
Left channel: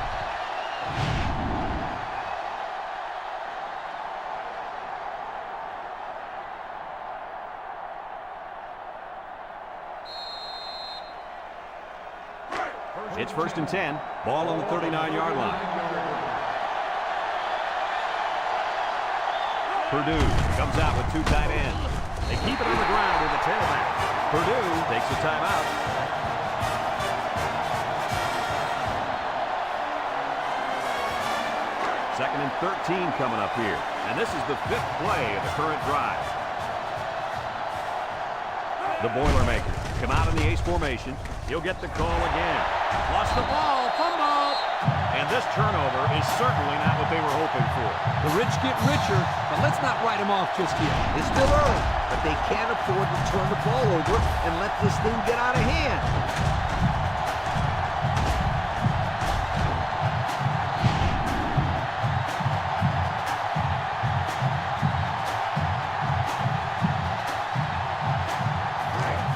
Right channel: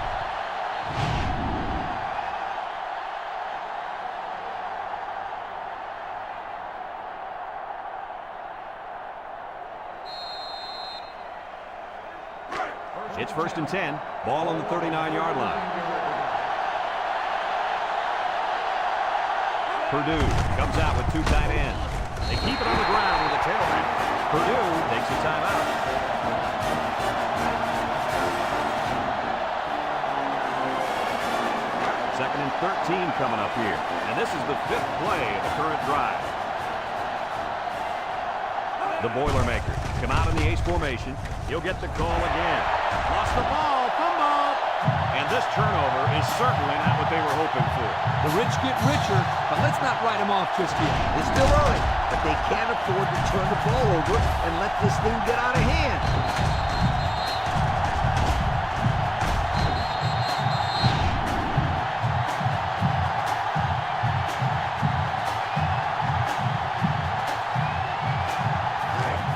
It's 1st and 10. Ball on the 39-yard line. Purdue comes out with 2 tight ends. They keep it on the ground with a tailback. Purdue takes a timeout. Second and 13 coming up here. And this is the 5th play of the current drive. The Boilermakers come out in the ace formation. He'll get the call again. Lost the ball, fumble. And this turnover is certainly not what they were hoping for. The rich get richer, but let's not write them off just yet. It's still early, but they can't afford to turn the ball over and let this thing get out of hand.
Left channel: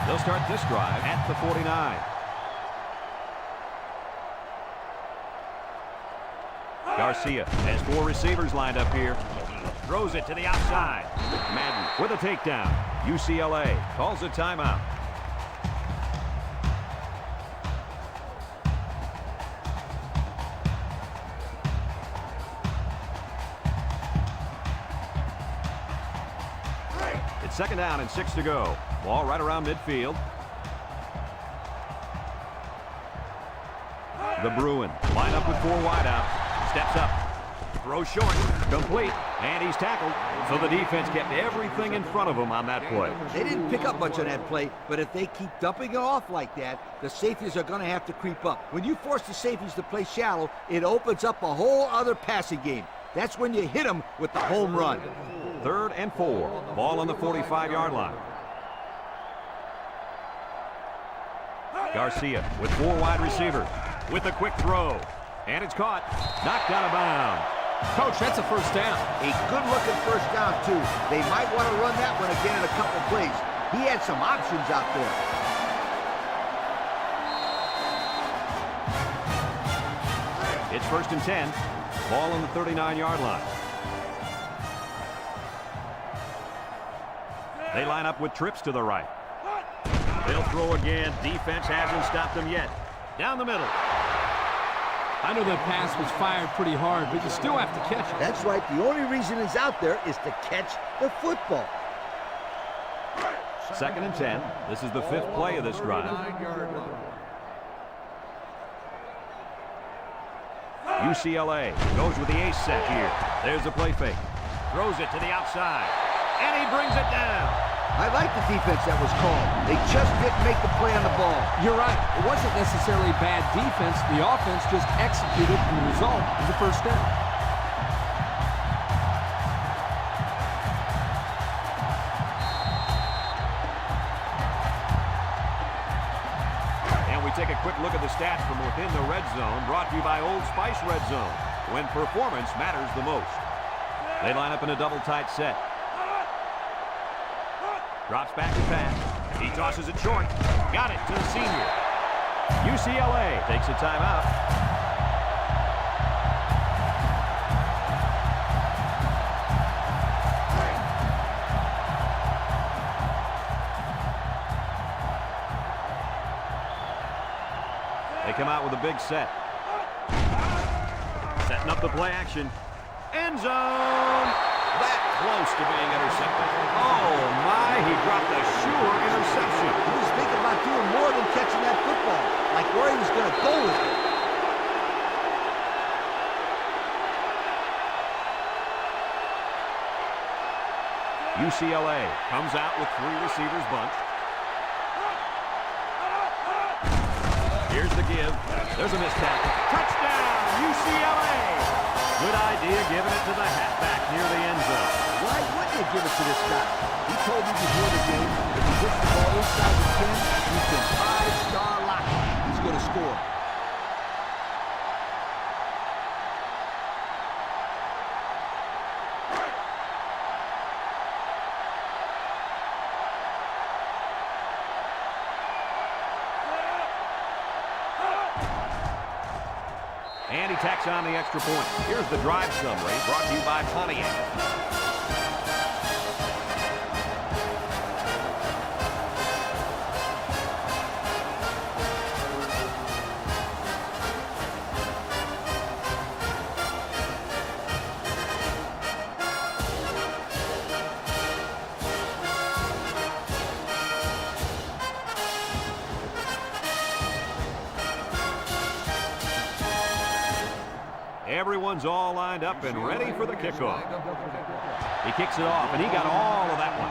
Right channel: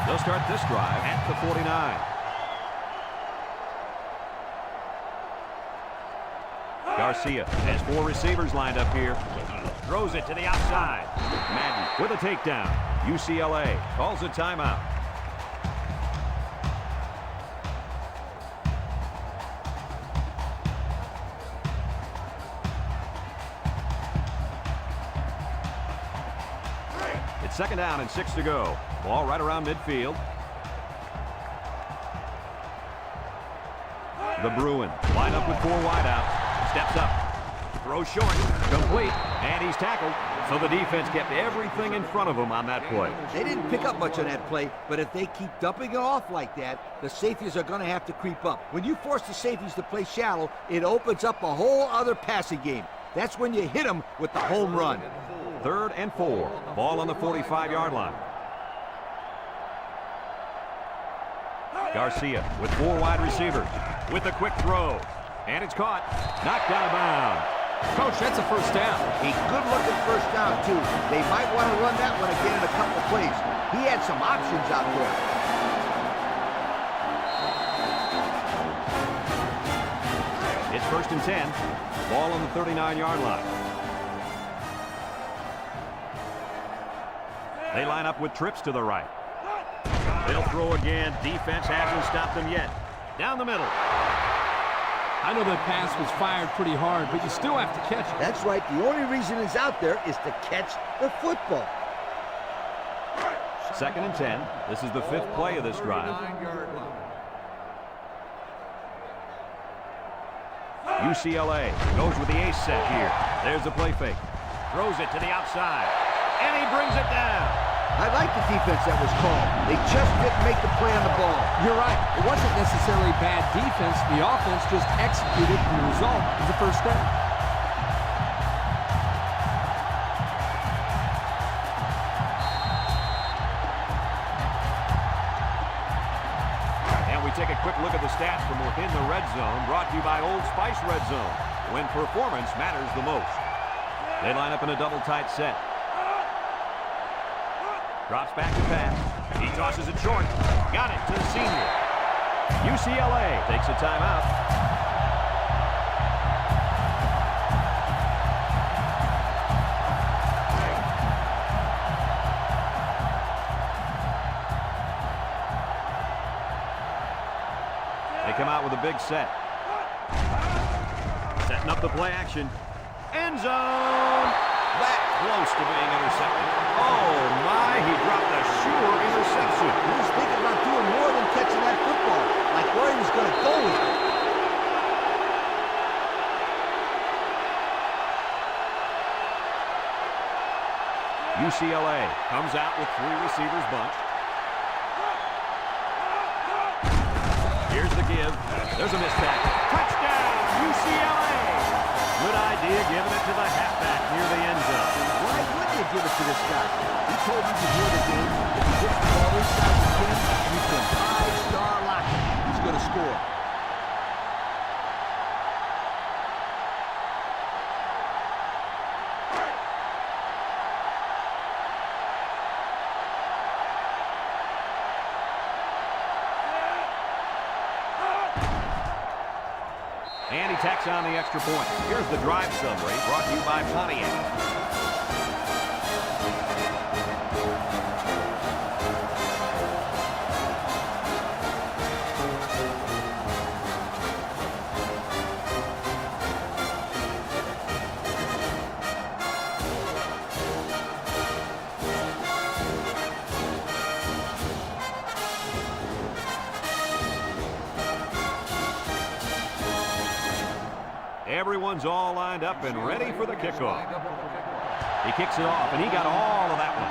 They'll start this drive at the 49. Garcia has 4 receivers lined up here. Throws it to the outside. Madden with a takedown. UCLA calls a timeout. It's 2nd down and 6 to go. Ball right around midfield. The Bruins line up with 4 wideouts. Steps up. Throws short. Complete. And he's tackled. So the defense kept everything in front of him on that play. They didn't pick up much on that play, but if they keep dumping it off like that, the safeties are going to have to creep up. When you force the safeties to play shallow, it opens up a whole other passing game. That's when you hit them with the home run. 3rd and 4. Ball on the 45-yard line. Garcia with 4 wide receivers. With a quick throw. And it's caught. Knocked out of bounds. Coach, that's a 1st down. A good-looking 1st down, too. They might want to run that one again in a couple of plays. He had some options out there. It's 1st and 10. Ball on the 39-yard line. They line up with trips to the right. They'll throw again. Defense hasn't stopped them yet. Down the middle. I know that pass was fired pretty hard, but you still have to catch it. That's right. The only reason he's out there is to catch the football. 2nd and 10. This is the 5th play of this drive. 39-yard line. UCLA goes with the ace set here. There's the play fake. Throws it to the outside. And he brings it down. I like the defense that was called. They just didn't make the play on the ball. You're right. It wasn't necessarily bad defense. The offense just executed, and the result is a 1st down. And we take a quick look at the stats from within the red zone, brought to you by Old Spice Red Zone, when performance matters the most. They line up in a double tight set. Drops back to pass. He tosses it short. Got it to the senior. UCLA takes a timeout. They come out with a big set. Setting up the play action. End zone. That close to being intercepted. Oh, my, he dropped a sure interception. He was thinking about doing more than catching that football, like where he was going to go with it. UCLA comes out with 3 receivers bunched. Here's the give. There's a missed tackle. Touchdown, UCLA! Good idea giving it to the halfback near the end zone. Why wouldn't you give it to this guy? He told me before the game, if he hits the ball inside the 10, you can 5-star lock it. He's going to score. And he tacks on the extra point. Here's the drive summary brought to you by Pontiac. Everyone's all lined up and ready for the kickoff. He kicks it off, and he got all of that one.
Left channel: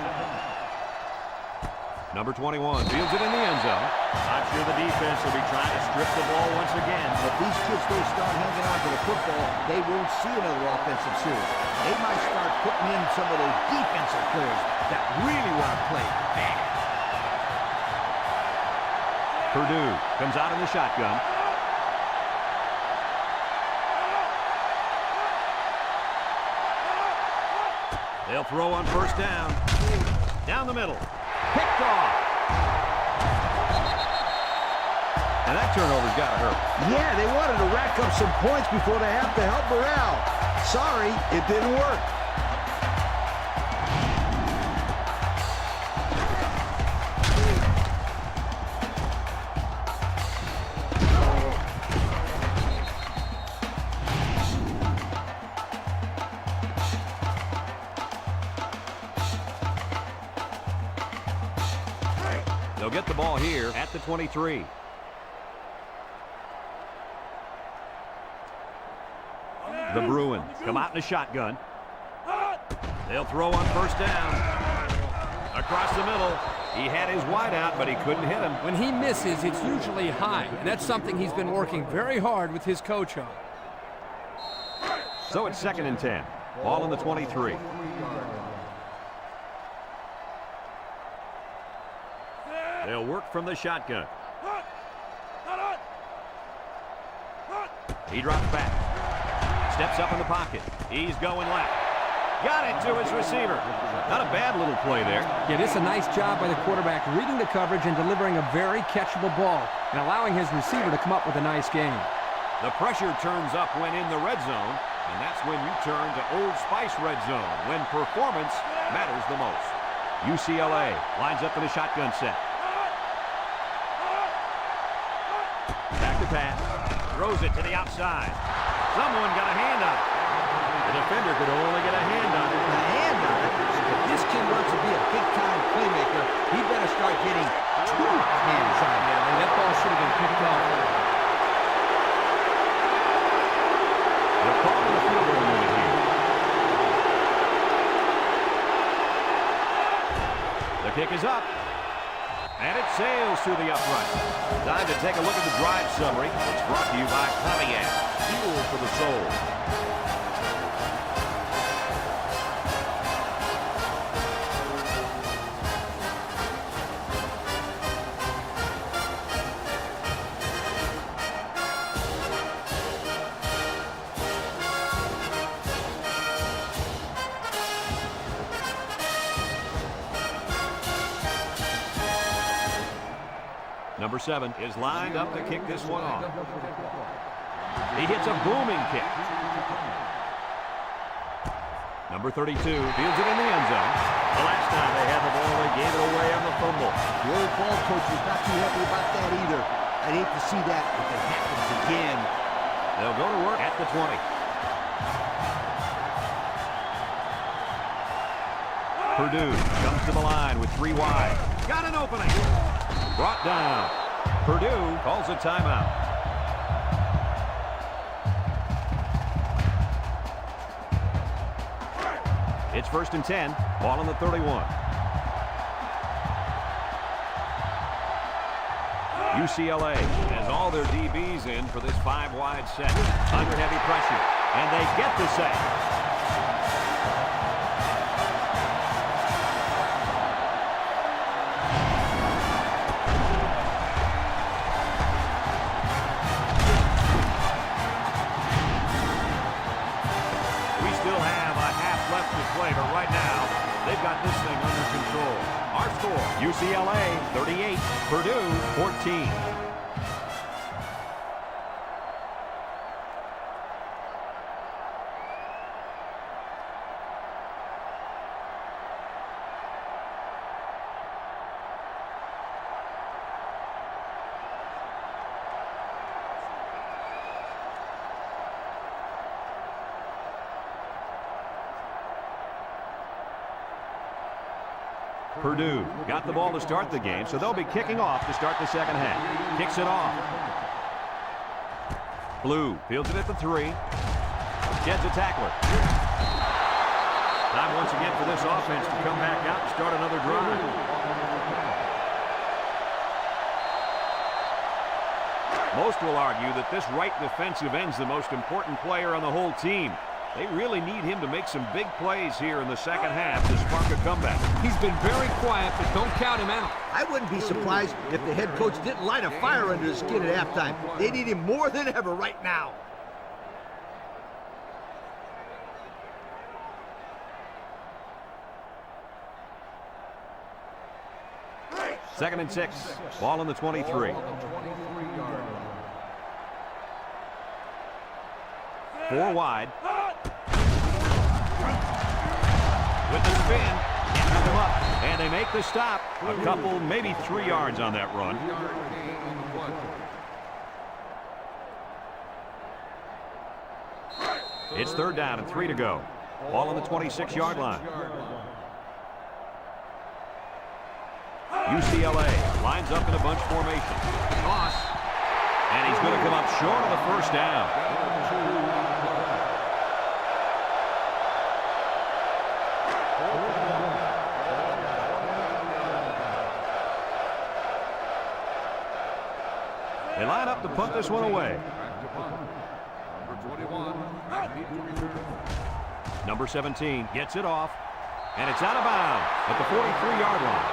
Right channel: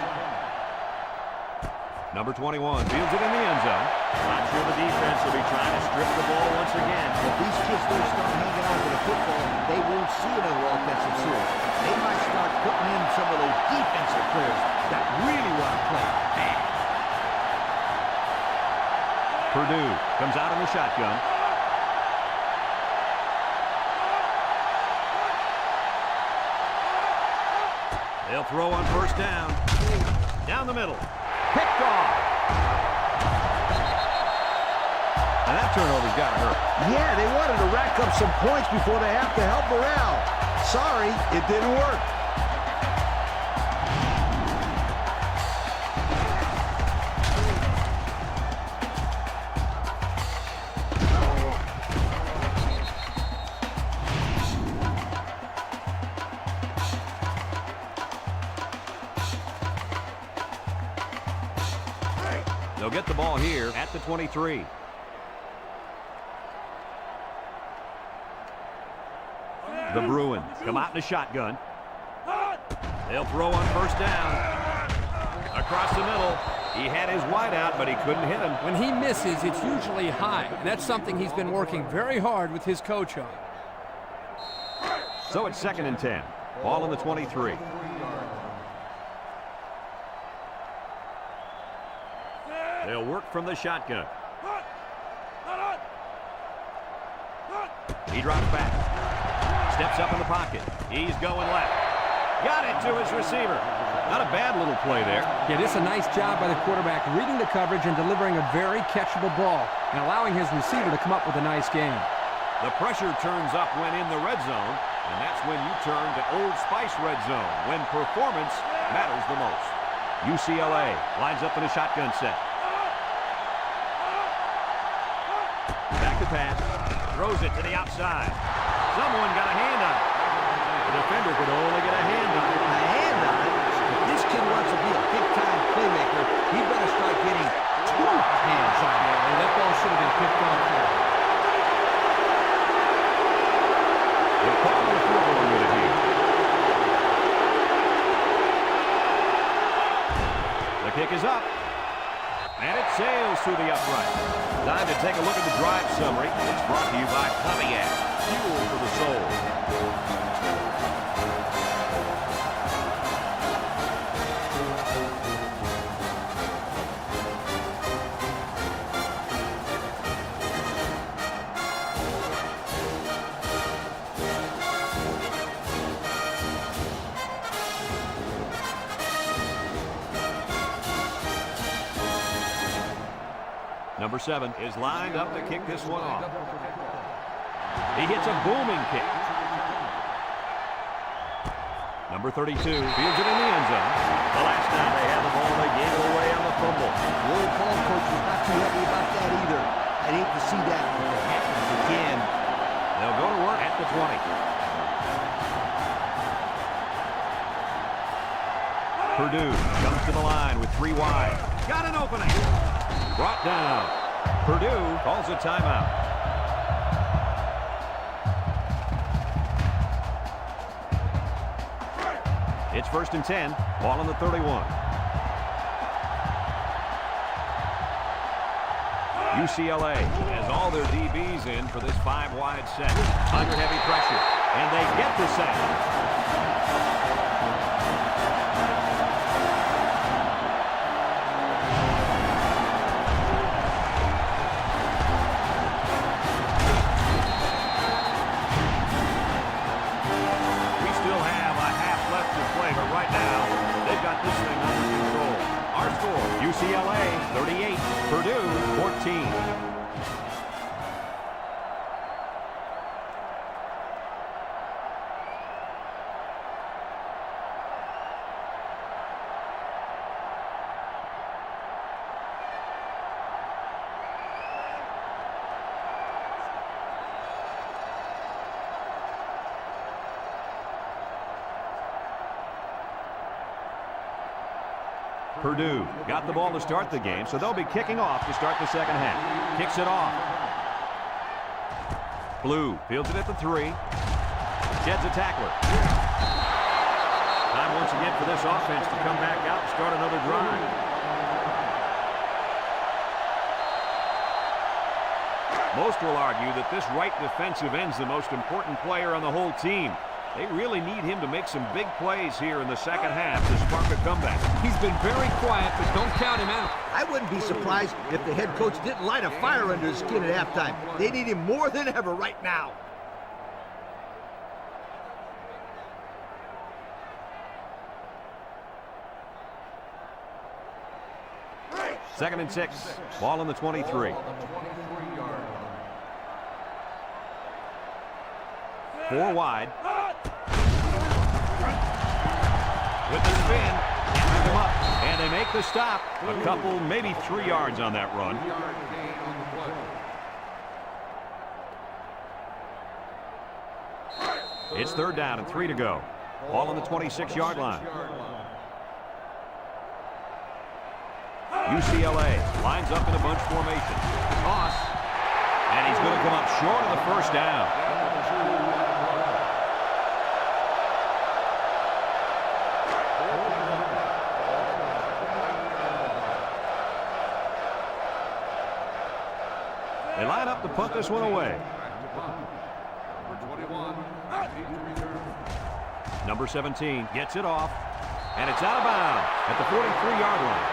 Number 21 fields it in the end zone. Not sure the defense will be trying to strip the ball once again. If these kids don't start hanging on to the football, they won't see another offensive series. They might start putting in some of those defensive players that really want to play bad. Purdue comes out in the shotgun. They'll throw on first down. Down the middle. Picked off. And that turnover's got to hurt. Yeah, they wanted to rack up some points before they have to help morale. Sorry, it didn't work. They'll get the ball here at the 23. The Bruins come out in a shotgun. They'll throw on first down. Across the middle. He had his wide out, but he couldn't hit him. When he misses, it's usually high, and that's something he's been working very hard with his coach on. So it's 2nd and 10. Ball on the 23. They'll work from the shotgun. He drops back. Steps up in the pocket. He's going left. Got it to his receiver. Not a bad little play there. Yeah, this is a nice job by the quarterback reading the coverage and delivering a very catchable ball and allowing his receiver to come up with a nice game. The pressure turns up when in the red zone, and that's when you turn to Old Spice red zone, when performance matters the most. UCLA lines up in a shotgun set. Back to pass. Throws it to the outside. Someone got a hand on it. The defender could only get a hand on it. A hand on it? If this kid wants to be a big-time playmaker, he better start getting 2 hands on it. Yeah, that ball should have been picked off there. They'll call on the field goal unit here. The kick is up. And it sails through the upright. Time to take a look at the drive summary. It's brought to you by Pontiac. Fuel for the soul. Number 7 is lined up to kick this one off. He hits a booming kick. Number 32 fields it in the end zone. The last time they had the ball, they gave it away on the fumble. The old ball coach was not too happy about that either. I'd hate to see that if it happens again. They'll go to work at the 20. Purdue comes to the line with 3 wide. Got an opening. Brought down. Purdue calls a timeout. It's 1st and 10. Ball on the 31. UCLA has all their DBs in for this 5-wide set. Under heavy pressure. And they get the sack. We still have a half left to play, but right now, they've got this thing under control. Our score, UCLA 38, Purdue 14. Purdue got the ball to start the game, so they'll be kicking off to start the second half. Kicks it off. Blue fields it at the 3. Sheds a tackler. Time once again for this offense to come back out and start another drive. Most will argue that this right defensive end's the most important player on the whole team. They really need him to make some big plays here in the second half to spark a comeback. He's been very quiet, but don't count him out. I wouldn't be surprised if the head coach didn't light a fire under his skin at halftime. They need him more than ever right now. Second and 6. Ball on the 23. 4 wide. With the spin, can't him up, and they make the stop. A couple, maybe 3 yards on that run. It's 3rd down and 3 to go. Ball on the 26-yard line. UCLA lines up in a bunch formation. Toss. And he's going to come up short of the 1st down. They line up to punt this one away. Number 21, need to return. Number 17 gets it off, and it's out of bounds at the 43-yard line.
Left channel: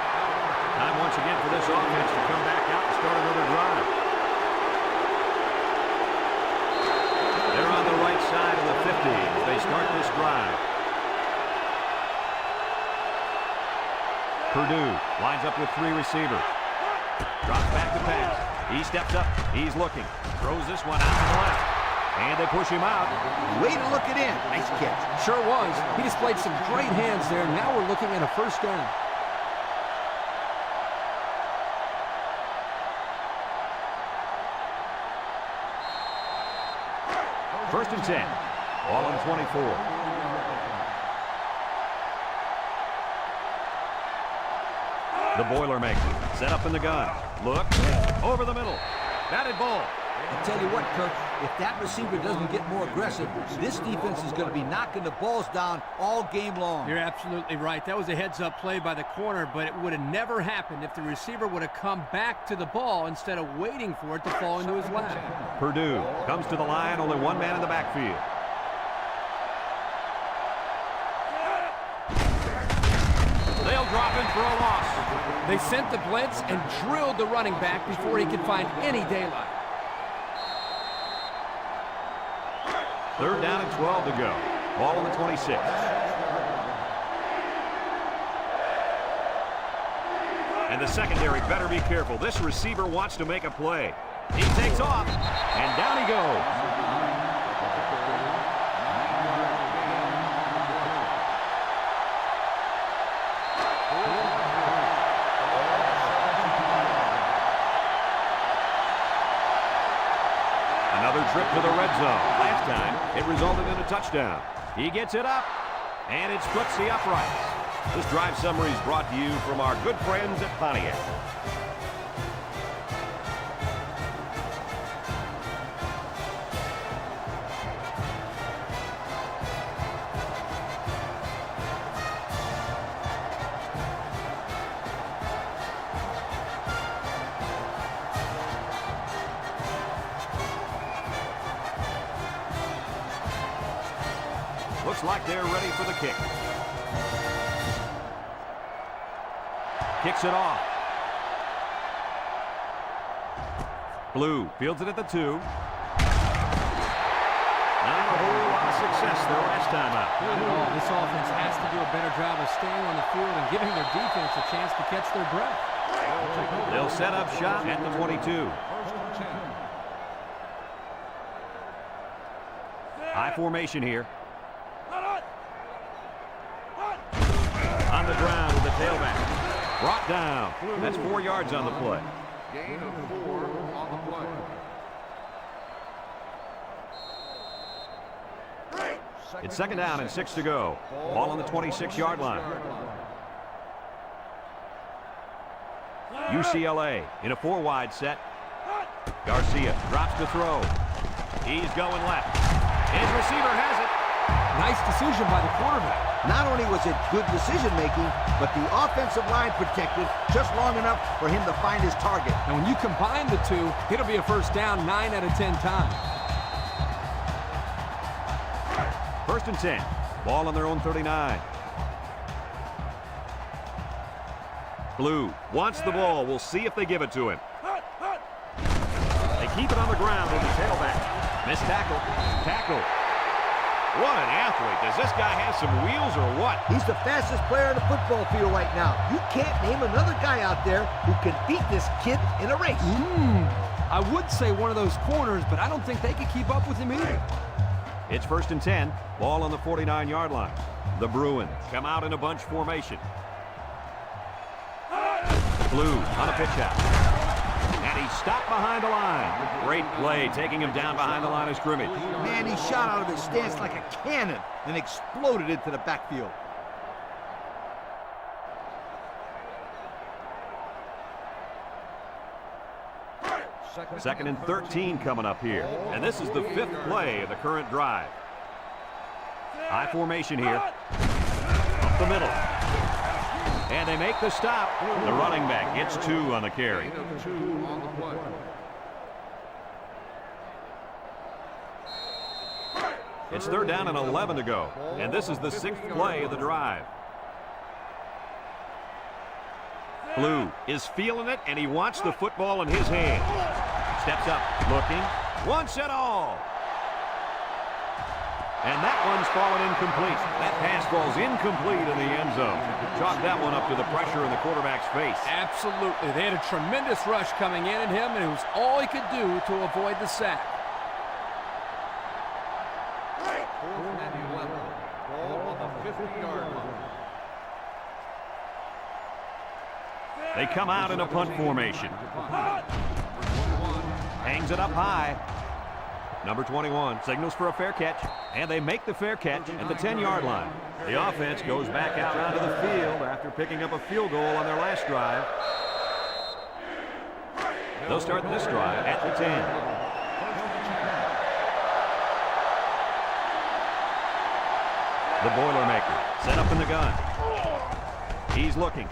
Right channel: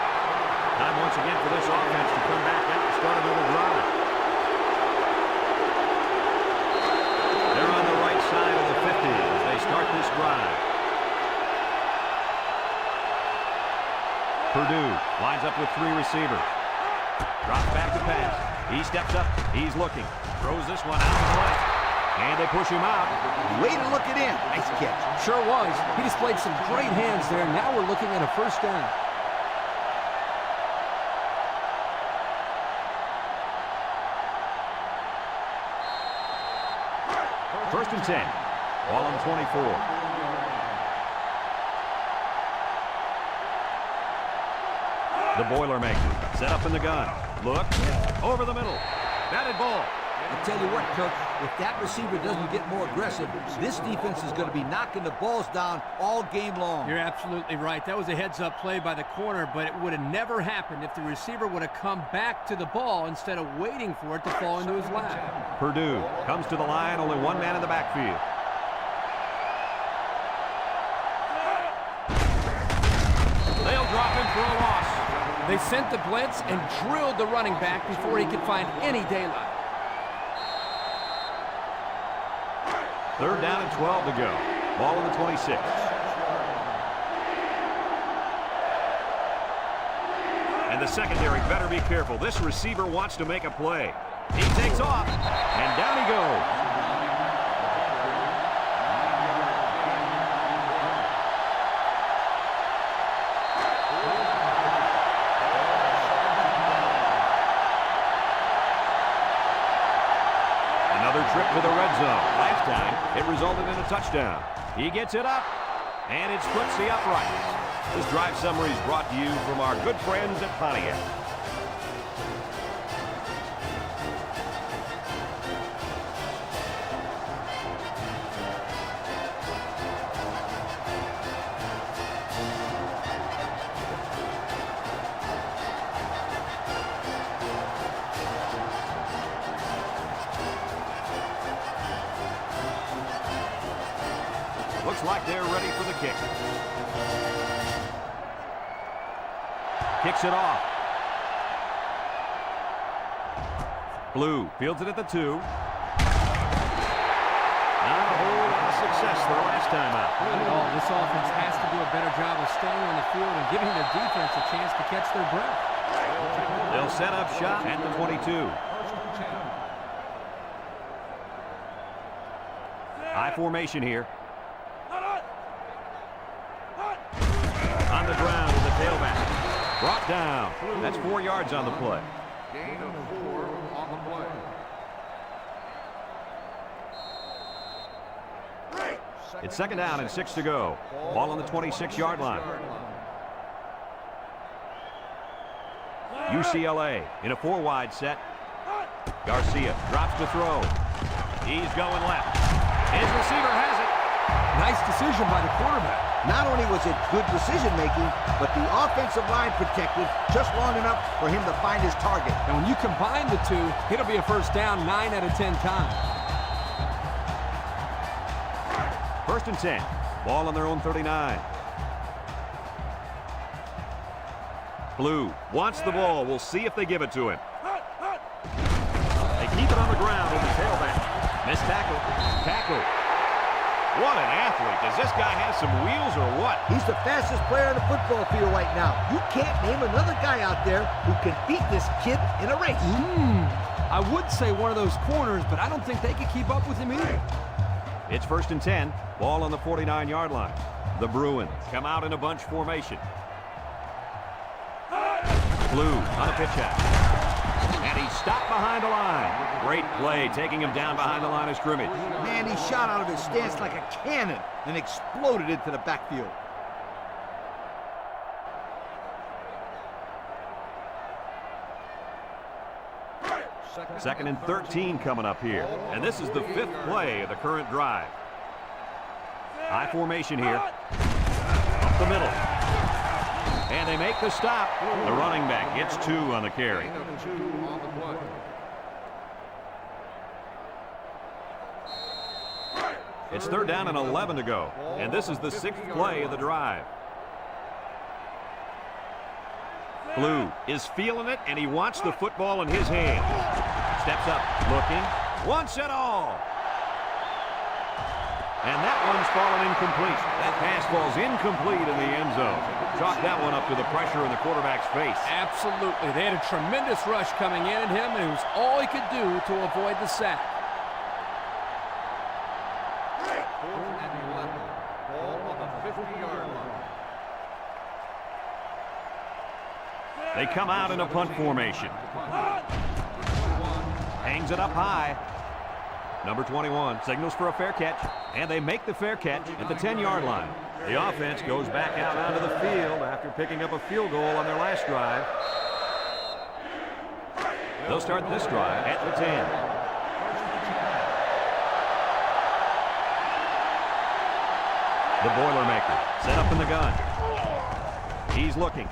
Time once again for this offense to come back out and start another drive. They're on the right side of the 50 as they start this drive. Purdue lines up with 3 receivers. Drops back to pass. He steps up. He's looking. Throws this one out to the left. And they push him out. Way to look it in. Nice catch. Sure was. He displayed some great hands there. Now we're looking at a 1st down. First and 10. Ball on the 24. The Boilermaker set up in the gun. Look over the middle. Batted ball. I'll tell you what, Kirk, if that receiver doesn't get more aggressive, this defense is going to be knocking the balls down all game long. You're absolutely right. That was a heads-up play by the corner, but it would have never happened if the receiver would have come back to the ball instead of waiting for it to fall into his lap. Purdue comes to the line, only 1 man in the backfield. They'll drop him for a loss. They sent the blitz and drilled the running back before he could find any daylight. 3rd down and 12 to go. Ball on the 26. And the secondary better be careful. This receiver wants to make a play. He takes off, and down he goes. Another trip to the red zone. Last time, it resulted in a touchdown. He gets it up, and it splits the uprights. This drive summary is brought to you from our good friends at Pontiac. Looks like they're ready for the kick. Kicks it off. Blue fields it at the 2. Not a whole lot of success their last time out. Not at all. This offense has to do a better job of staying on the field and giving their defense a chance to catch their breath. They'll set up shop at the 22. First and 10. High formation here. On the ground with the tailback. Brought down. That's 4 yards on the play. Gain of 4 on the play. It's second down and 6 to go. Ball on the 26-yard line. UCLA in a 4-wide set. Garcia drops to throw. He's going left. His receiver has it. Nice decision by the quarterback. Not only was it good decision-making, but the offensive line protected just long enough for him to find his target. And when you combine the two, it'll be a first down 9 out of 10 times. First and 10. Ball on their own 39. Blue wants the ball. We'll see if they give it to him. They keep it on the ground with the tailback. Missed tackle. Tackle. What an athlete. Does this guy have some wheels or what? He's the fastest player on the football field right now. You can't name another guy out there who can beat this kid in a race. I would say one of those corners, but I don't think they could keep up with him either. It's first and 10. Ball on the 49-yard line. The Bruins come out in a bunch formation. Blue on a pitch out. And he stopped behind the line. Great play, taking him down behind the line of scrimmage. Man, he shot out of his stance like a cannon and exploded into the backfield. Second and 13 coming up here. And this is the 5th play of the current drive. High formation here. Up the middle. And they make the stop. The running back gets 2 on the carry. Gain of 2 on the play. It's third down and 11 to go. And this is the 6th play of the drive. Blue is feeling it, and he wants the football in his hand. Steps up, looking, wants it all. And that one's fallen incomplete. That pass falls incomplete in the end zone. Chalk that one up to the pressure in the quarterback's face. Absolutely. They had a tremendous rush coming in at him, and it was all he could do to avoid the sack. 4th and 11. Ball on the 50-yard line. They come out in a punt formation. Hangs it up high. Number 21 signals for a fair catch, and they make the fair catch at the 10-yard line. The offense goes back out onto the field after picking up a field goal on their last drive. They'll start this drive at the 10. The Boilermaker set up in the gun. He's looking.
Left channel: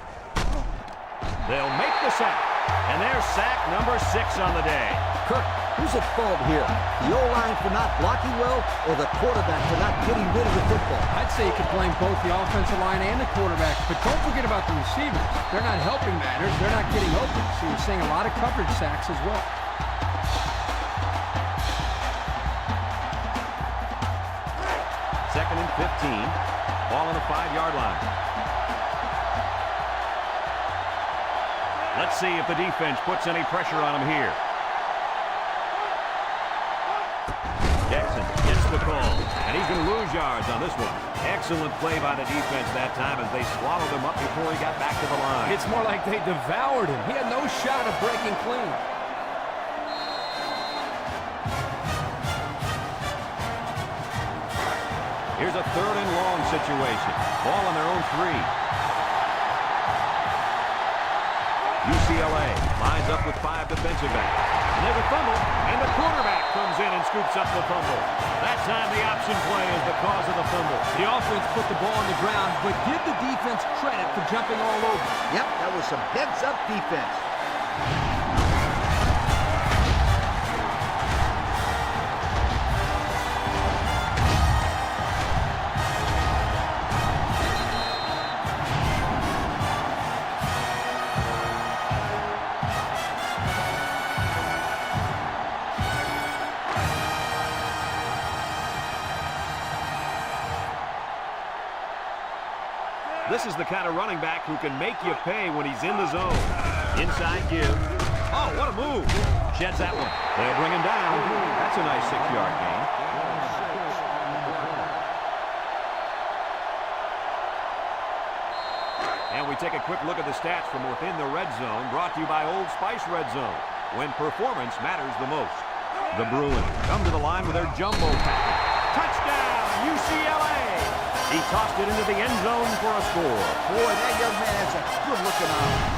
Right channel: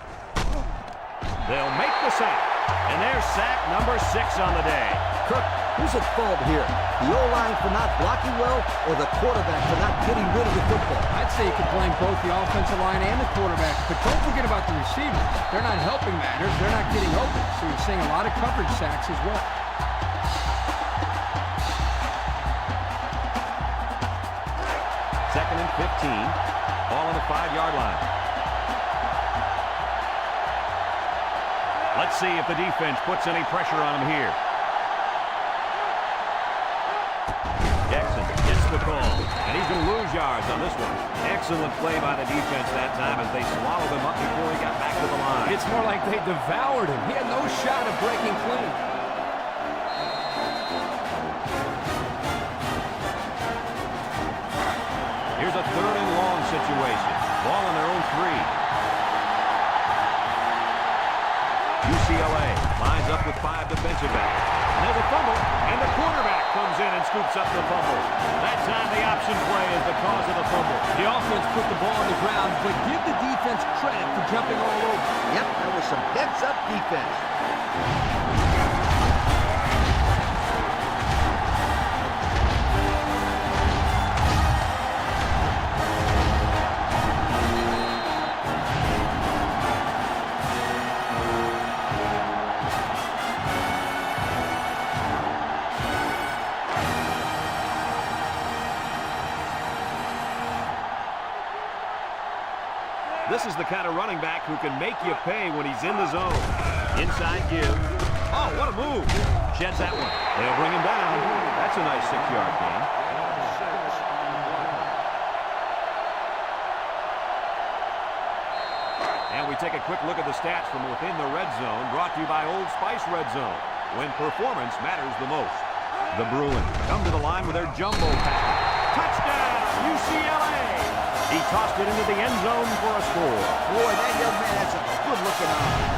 They'll make the sack, and there's sack number 6 on the day. Kirk, who's at fault here? The O-line for not blocking well, or the quarterback for not getting rid of the football? I'd say you could blame both the offensive line and the quarterback, but don't forget about the receivers. They're not helping matters. They're not getting open, so you're seeing a lot of coverage sacks as well. Second and 15. Ball on the 5-yard line. Let's see if the defense puts any pressure on him here. Jackson gets the call, and he's going to lose yards on this one. Excellent play by the defense that time as they swallowed him up before he got back to the line. It's more like they devoured him. He had no shot of breaking clean. Here's a 3rd and long situation. Ball on their own 3. UCLA lines up with 5 defensive backs. And there's a fumble, and the quarterback comes in and scoops up the fumble. That time the option play is the cause of the fumble. The offense put the ball on the ground, but give the defense credit for jumping all over. Yep, that was some heads-up defense. This is the kind of running back who can make you pay when he's in the zone. Inside give. Oh, what a move. Sheds that one. They'll bring him down. That's a nice 6-yard gain. Gain of 6 on the play. And we take a quick look at the stats from within the red zone, brought to you by Old Spice Red Zone, when performance matters the most. The Bruins come to the line with their jumbo package. Touchdown, UCLA! He tossed it into the end zone for a score. Boy, that young man has a good-looking arm.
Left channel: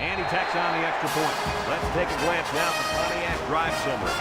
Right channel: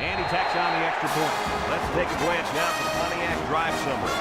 And he tacks on the extra point. Let's take a glance now at the Pontiac drive summary.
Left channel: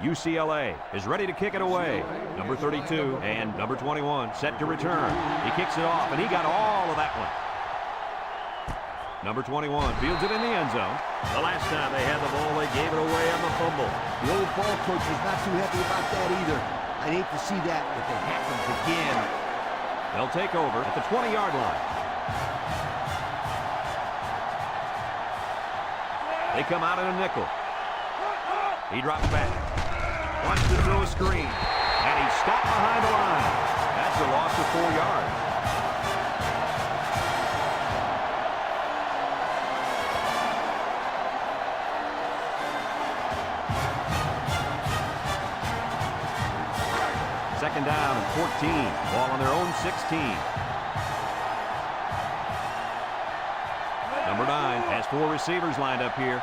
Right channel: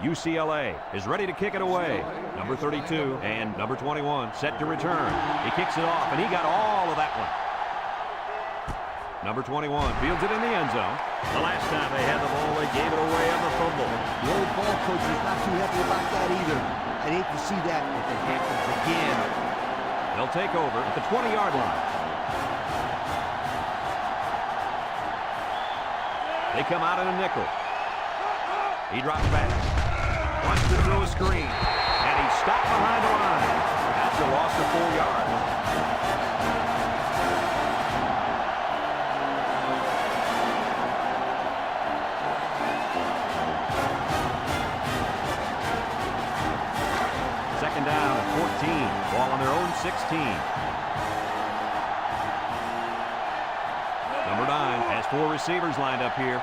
UCLA is ready to kick it away. Number 32 and number 21 set to return. He kicks it off, and he got all of that one. Number 21 fields it in the end zone. The last time they had the ball, they gave it away on the fumble. The old ball coach was not too happy about that either. I'd hate to see that if it happens again. They'll take over at the 20-yard line. They come out in a nickel. He drops back. Wants to throw a screen. And he's stopped behind the line. That's a loss of 4 yards. Second down and 14. Ball on their own 16. Number 9 has 4 receivers lined up here.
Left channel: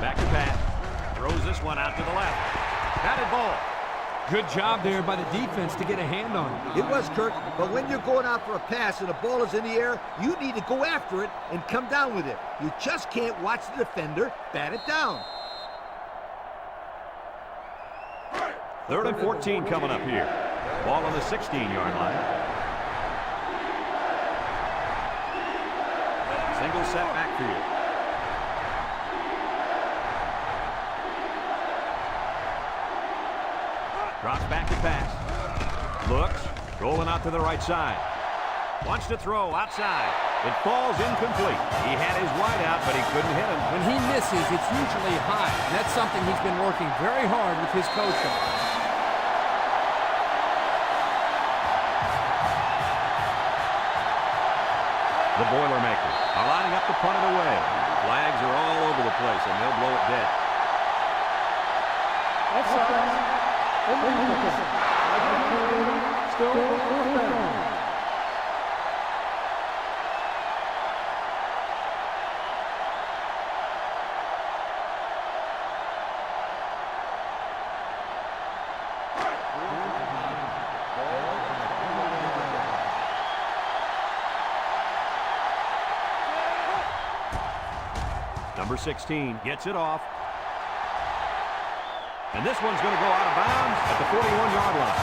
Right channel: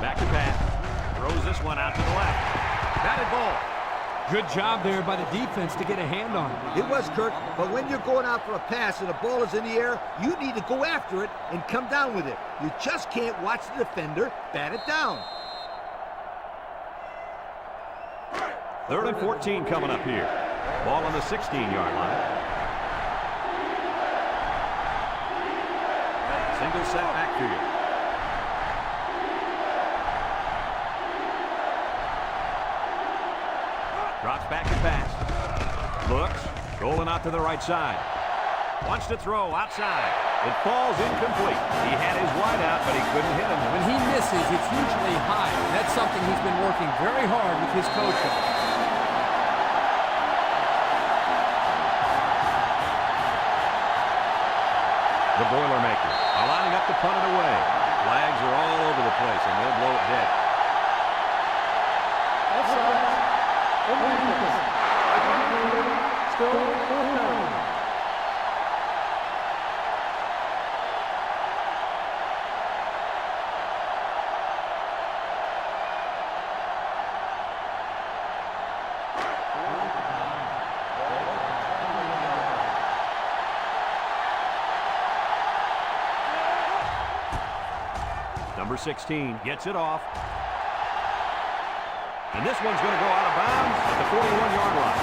Back to Pat. Throws this one out to the left. Batted ball. Good job there by the defense to get a hand on it. It was, Kirk, but when you're going out for a pass and the ball is in the air, you need to go after it and come down with it. You just can't watch the defender bat it down. 3rd and 14 coming up here. Ball on the 16-yard line. Single set backfield. Drops back to pass. Looks. Rolling out to the right side. Wants to throw outside. It falls incomplete. He had his wide out, but he couldn't hit him. When he misses, it's usually high, and that's something he's been working very hard with his coach on. The Boilermakers are lining up to punt it away. Flags are all over the place, and they'll blow it dead. Offside. Still 4th down. Number 16 gets it off. And this one's going to go out of bounds at the 41-yard line.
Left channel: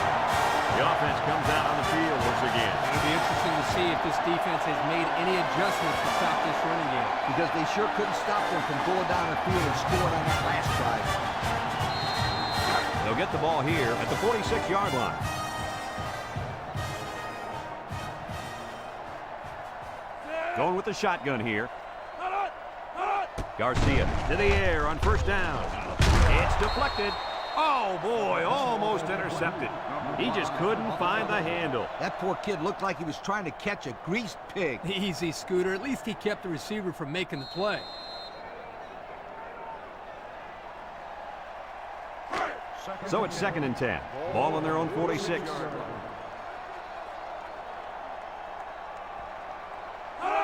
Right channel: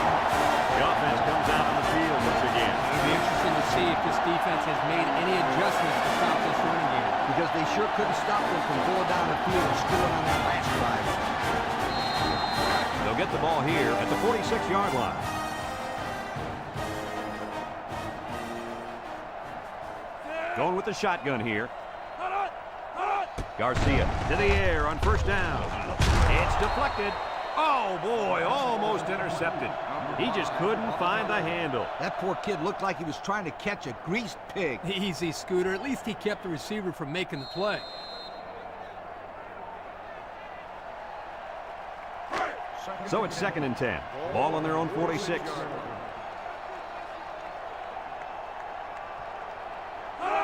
The offense comes out on the field once again. It'll be interesting to see if this defense has made any adjustments to stop this running game. Because they sure couldn't stop them from going down the field and scoring on that last drive. They'll get the ball here at the 46-yard line. Going with the shotgun here. Garcia to the air on first down. It's deflected. Oh, boy, almost intercepted. He just couldn't find the handle. That poor kid looked like he was trying to catch a greased pig. Easy, Scooter. At least he kept the receiver from making the play. So it's 2nd and 10. Ball on their own 46.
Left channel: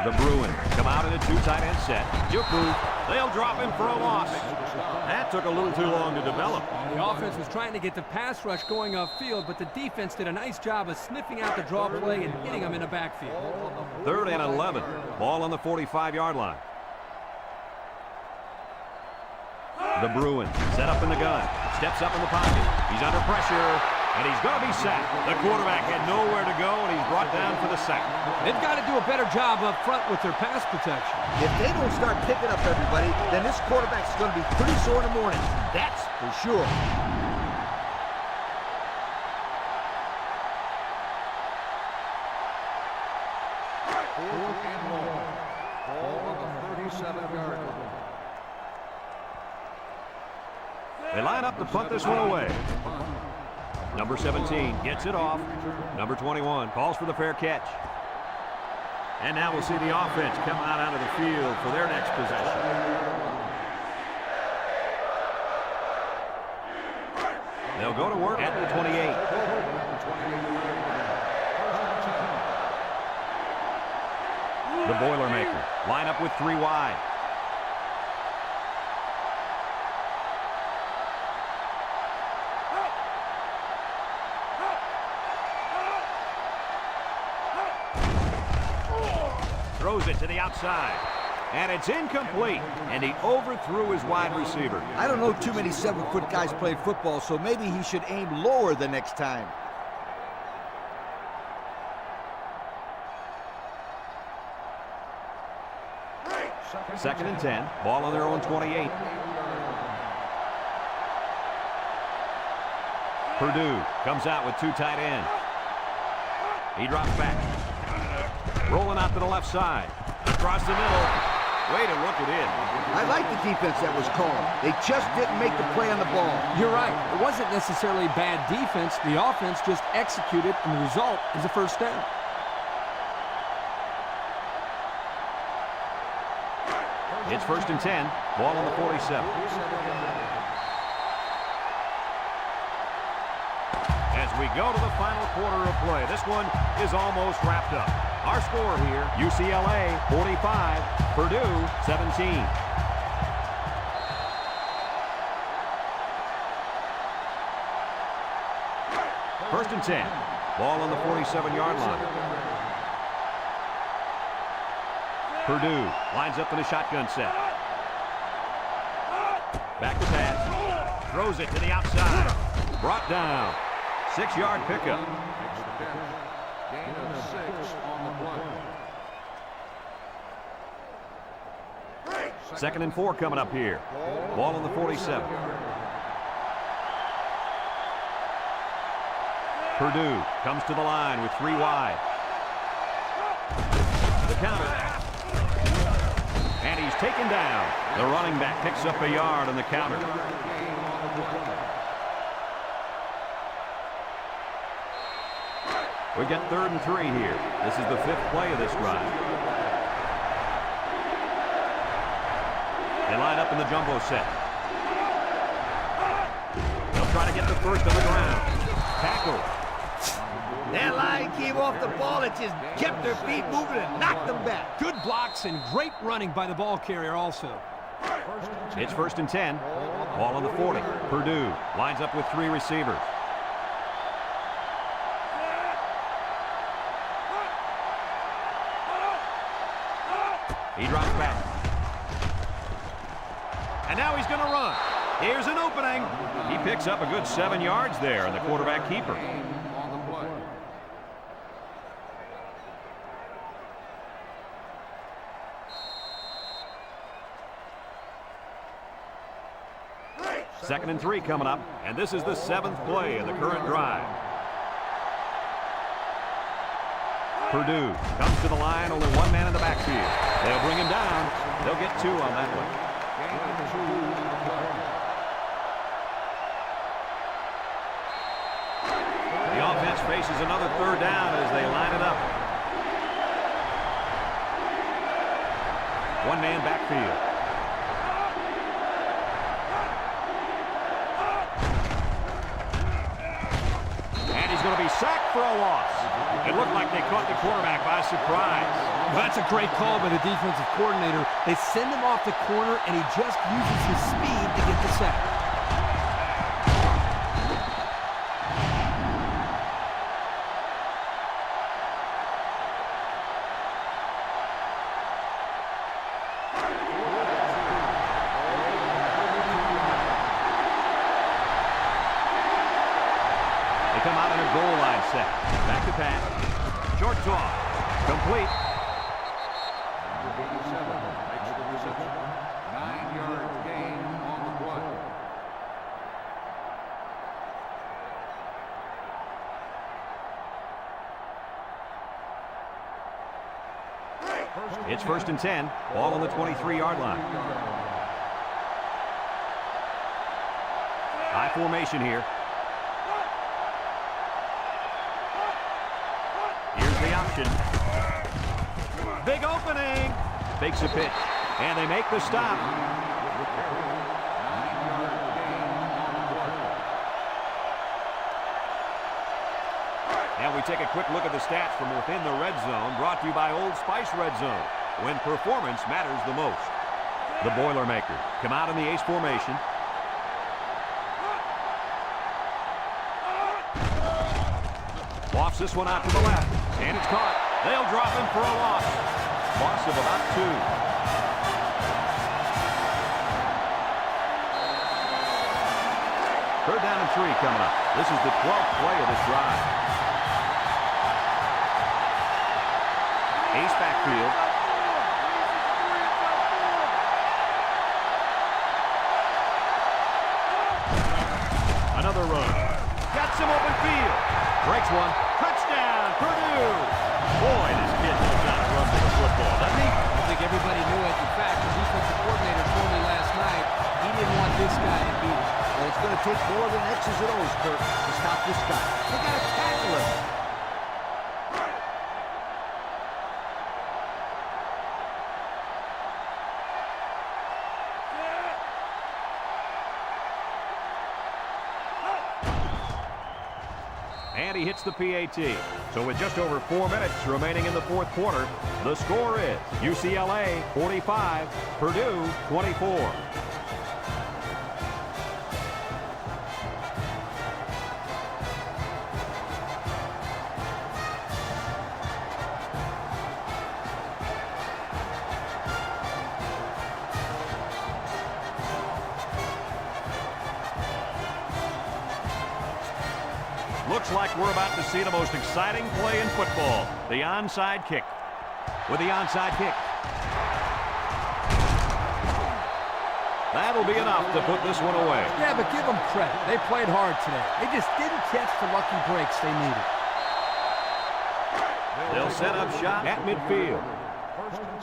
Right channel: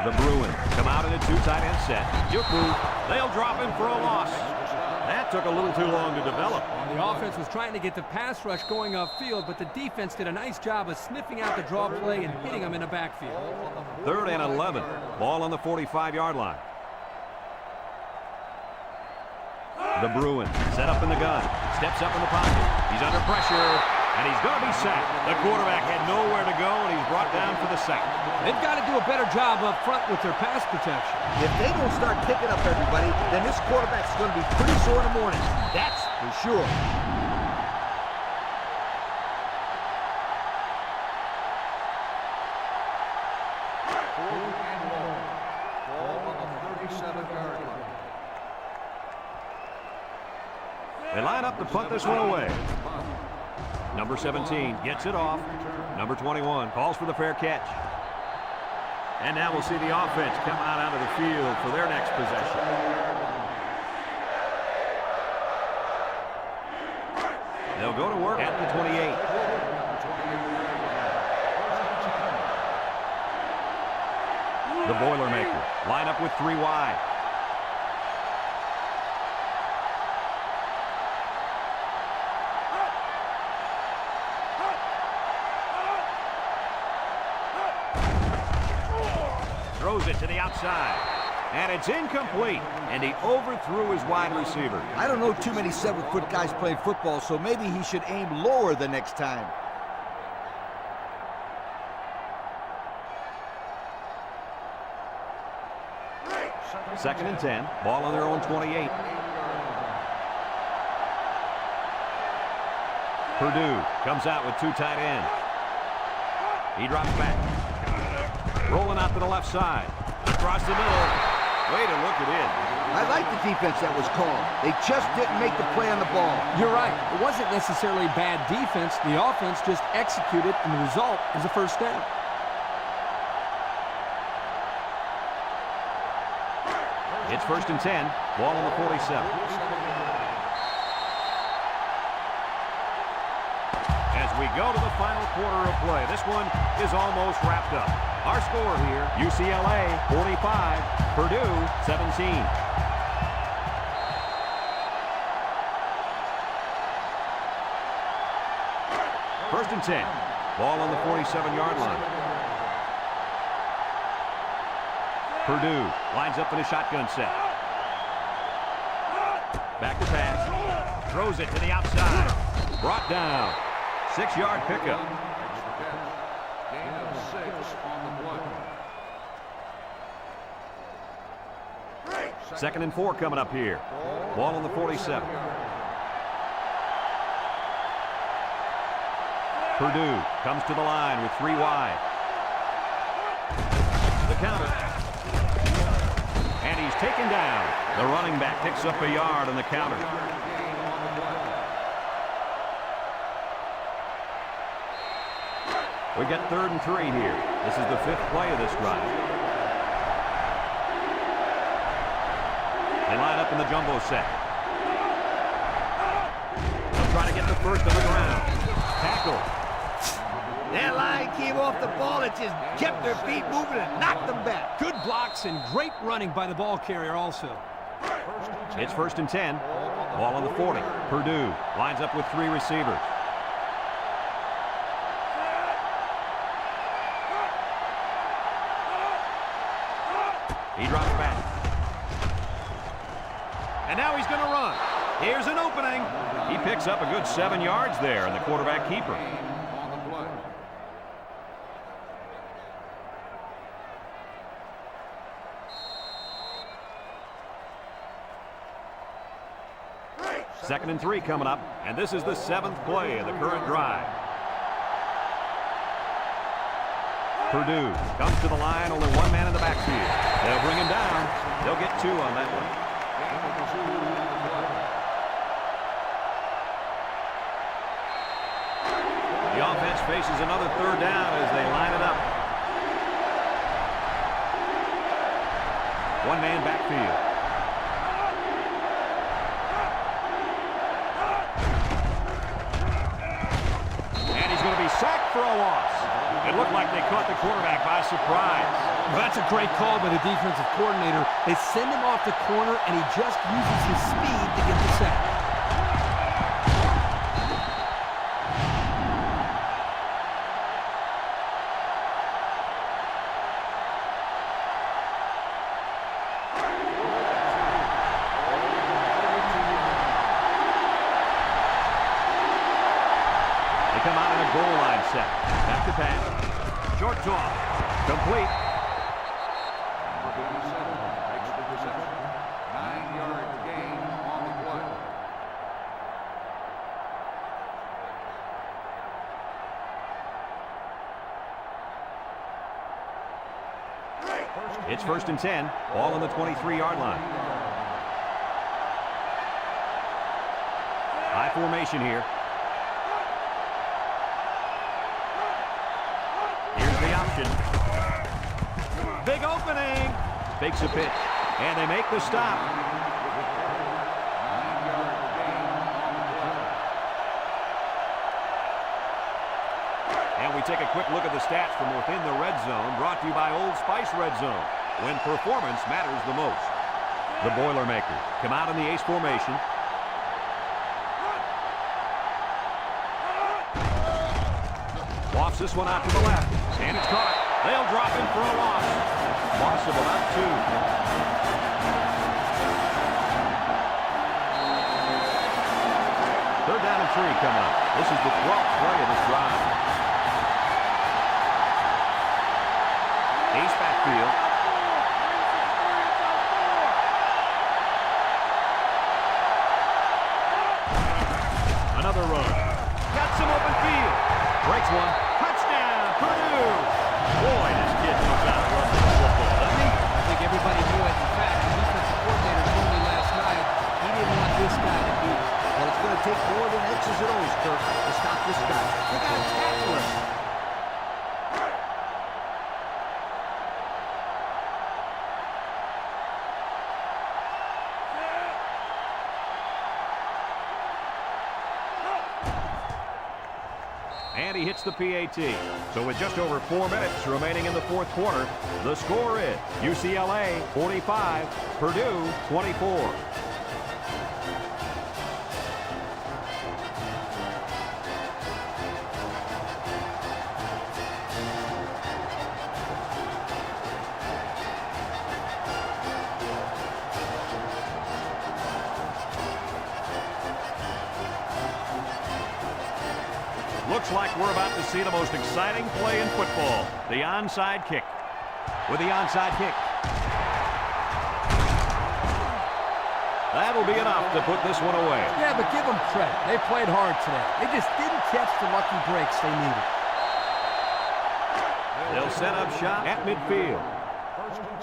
The Bruins come out in a 2 tight end set. Juku, they'll drop him for a loss. That took a little too long to develop. The offense was trying to get the pass rush going upfield, but the defense did a nice job of sniffing out the draw play and hitting them in the backfield. 3rd and 11. Ball on the 45-yard line. The Bruins set up in the gun. Steps up in the pocket. He's under pressure. And he's going to be sacked. The quarterback had nowhere to go, and he's brought down for the sack. They've got to do a better job up front with their pass protection. If they don't start picking up everybody, then this quarterback's going to be pretty sore in the morning. That's for sure. Fourth and long. Ball on the 37-yard line. They line up to punt this one away. Number 17 gets it off. Number 21 calls for the fair catch. And now we'll see the offense come out onto the field for their next possession. They'll go to work at the 28. The Boilermaker line up with 3 wide. Throws it to the outside. And it's incomplete. And he overthrew his wide receiver. I don't know too many 7-foot guys playing football, so maybe he should aim lower the next time. Second and 10. Ball on their own 28. Purdue comes out with 2 tight ends. He drops back. Rolling out to the left side. Across the middle. Way to look at it. I like the defense that was called. They just didn't make the play on the ball. You're right. It wasn't necessarily bad defense. The offense just executed, and the result is a first down. It's 1st and 10. Ball on the 47. As we go to the final quarter of play, this one is almost wrapped up. Our score here, UCLA 45, Purdue 17. First and 10. Ball on the 47-yard line. Purdue lines up in a shotgun set. Back to pass. Throws it to the outside. Brought down. 6-yard pickup. Makes the catch. Gain of 6 on the play. 2nd and 4 coming up here. Ball on the 47. Purdue comes to the line with 3 wide. The counter. And he's taken down. The running back picks up a yard on the counter. Gain on the play. We got 3rd and 3 here. This is the 5th play of this drive. They line up in the jumbo set. They'll try to get the first on the ground. Tackled. That line came off the ball. It just kept their feet moving and knocked them back. Good blocks and great running by the ball carrier also. It's 1st and 10. Ball on the 40. Purdue lines up with 3 receivers. He drops back. And now he's going to run. Here's an opening. He picks up a good 7 yards there, and the quarterback keeper. On the play. 2nd and 3 coming up, and this is the 7th play of the current drive. Purdue comes to the line, only one man in the backfield. They'll bring him down. They'll get 2 on that one. Gain of 2 on the play. The offense faces another 3rd down as they line it up. One man backfield. And he's going to be sacked for a loss. It looked like they caught the quarterback by surprise. Well, that's a great call by the defensive coordinator. They send him off the corner, and he just uses his speed to get the sack. They come out in a goal line set. Back to pass. Short toss. Complete. Number 87 makes the reception. 9-yard gain on the play. It's 1st and 10. Ball on the 23-yard line. High formation here. Here's the option. Big opening. Fakes a pitch. And they make the stop. 9-yard gain on the play. And we take a quick look at the stats from within the red zone, brought to you by Old Spice Red Zone, when performance matters the most. The Boilermakers come out in the ace formation. Wafts this one out to the left, and it's caught. They'll drop him for a loss. Loss of about 2. Third down and 3 coming up. This is the 12th play of this drive. Ace backfield. Another run. Got some open field. Breaks one. Touchdown, Purdue. Boy, this kid knows how to run with the football, doesn't he? I think everybody knew it. In fact, the defensive coordinator told me last night he didn't want this guy to beat him. Well, it's going to take more than X's and O's, Kirk, to stop this guy. They got to tackle him. And he hits the PAT. So with just over 4 minutes remaining in the 4th quarter, the score is UCLA 45, Purdue 24. Looks like we're about to see the most exciting play in football, the onside kick. With the onside kick. That'll be enough to put this one away. Yeah, but give them credit. They played hard today. They just didn't catch the lucky breaks they needed. They'll set up shop at midfield. 1st and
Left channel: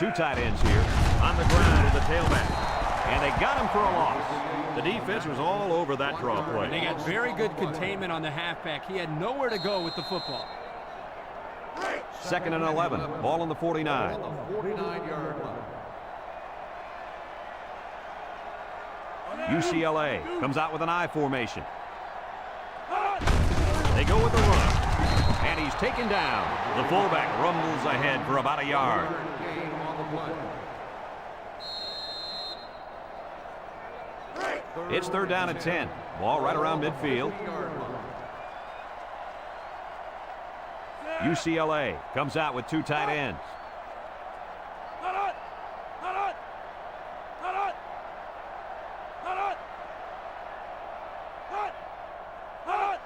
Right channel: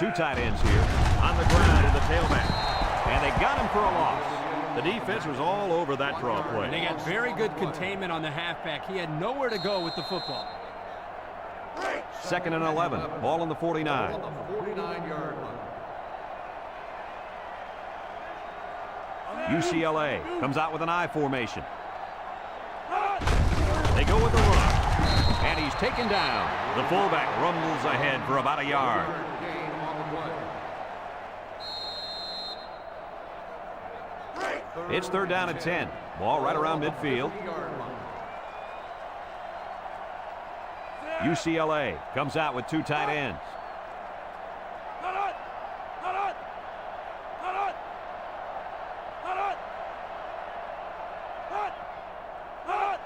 10. 2 tight ends here on the ground with the tailback. And they got him for a loss. The defense was all over that draw play. They got very good containment on the halfback. He had nowhere to go with the football. 2nd and 11. Ball on the 49. On the 49-yard line. UCLA comes out with an I formation. They go with the run. And he's taken down. The fullback rumbles ahead for about a yard. Gain on the play. It's 3rd down and 10. Ball right around midfield. UCLA comes out with 2 tight ends.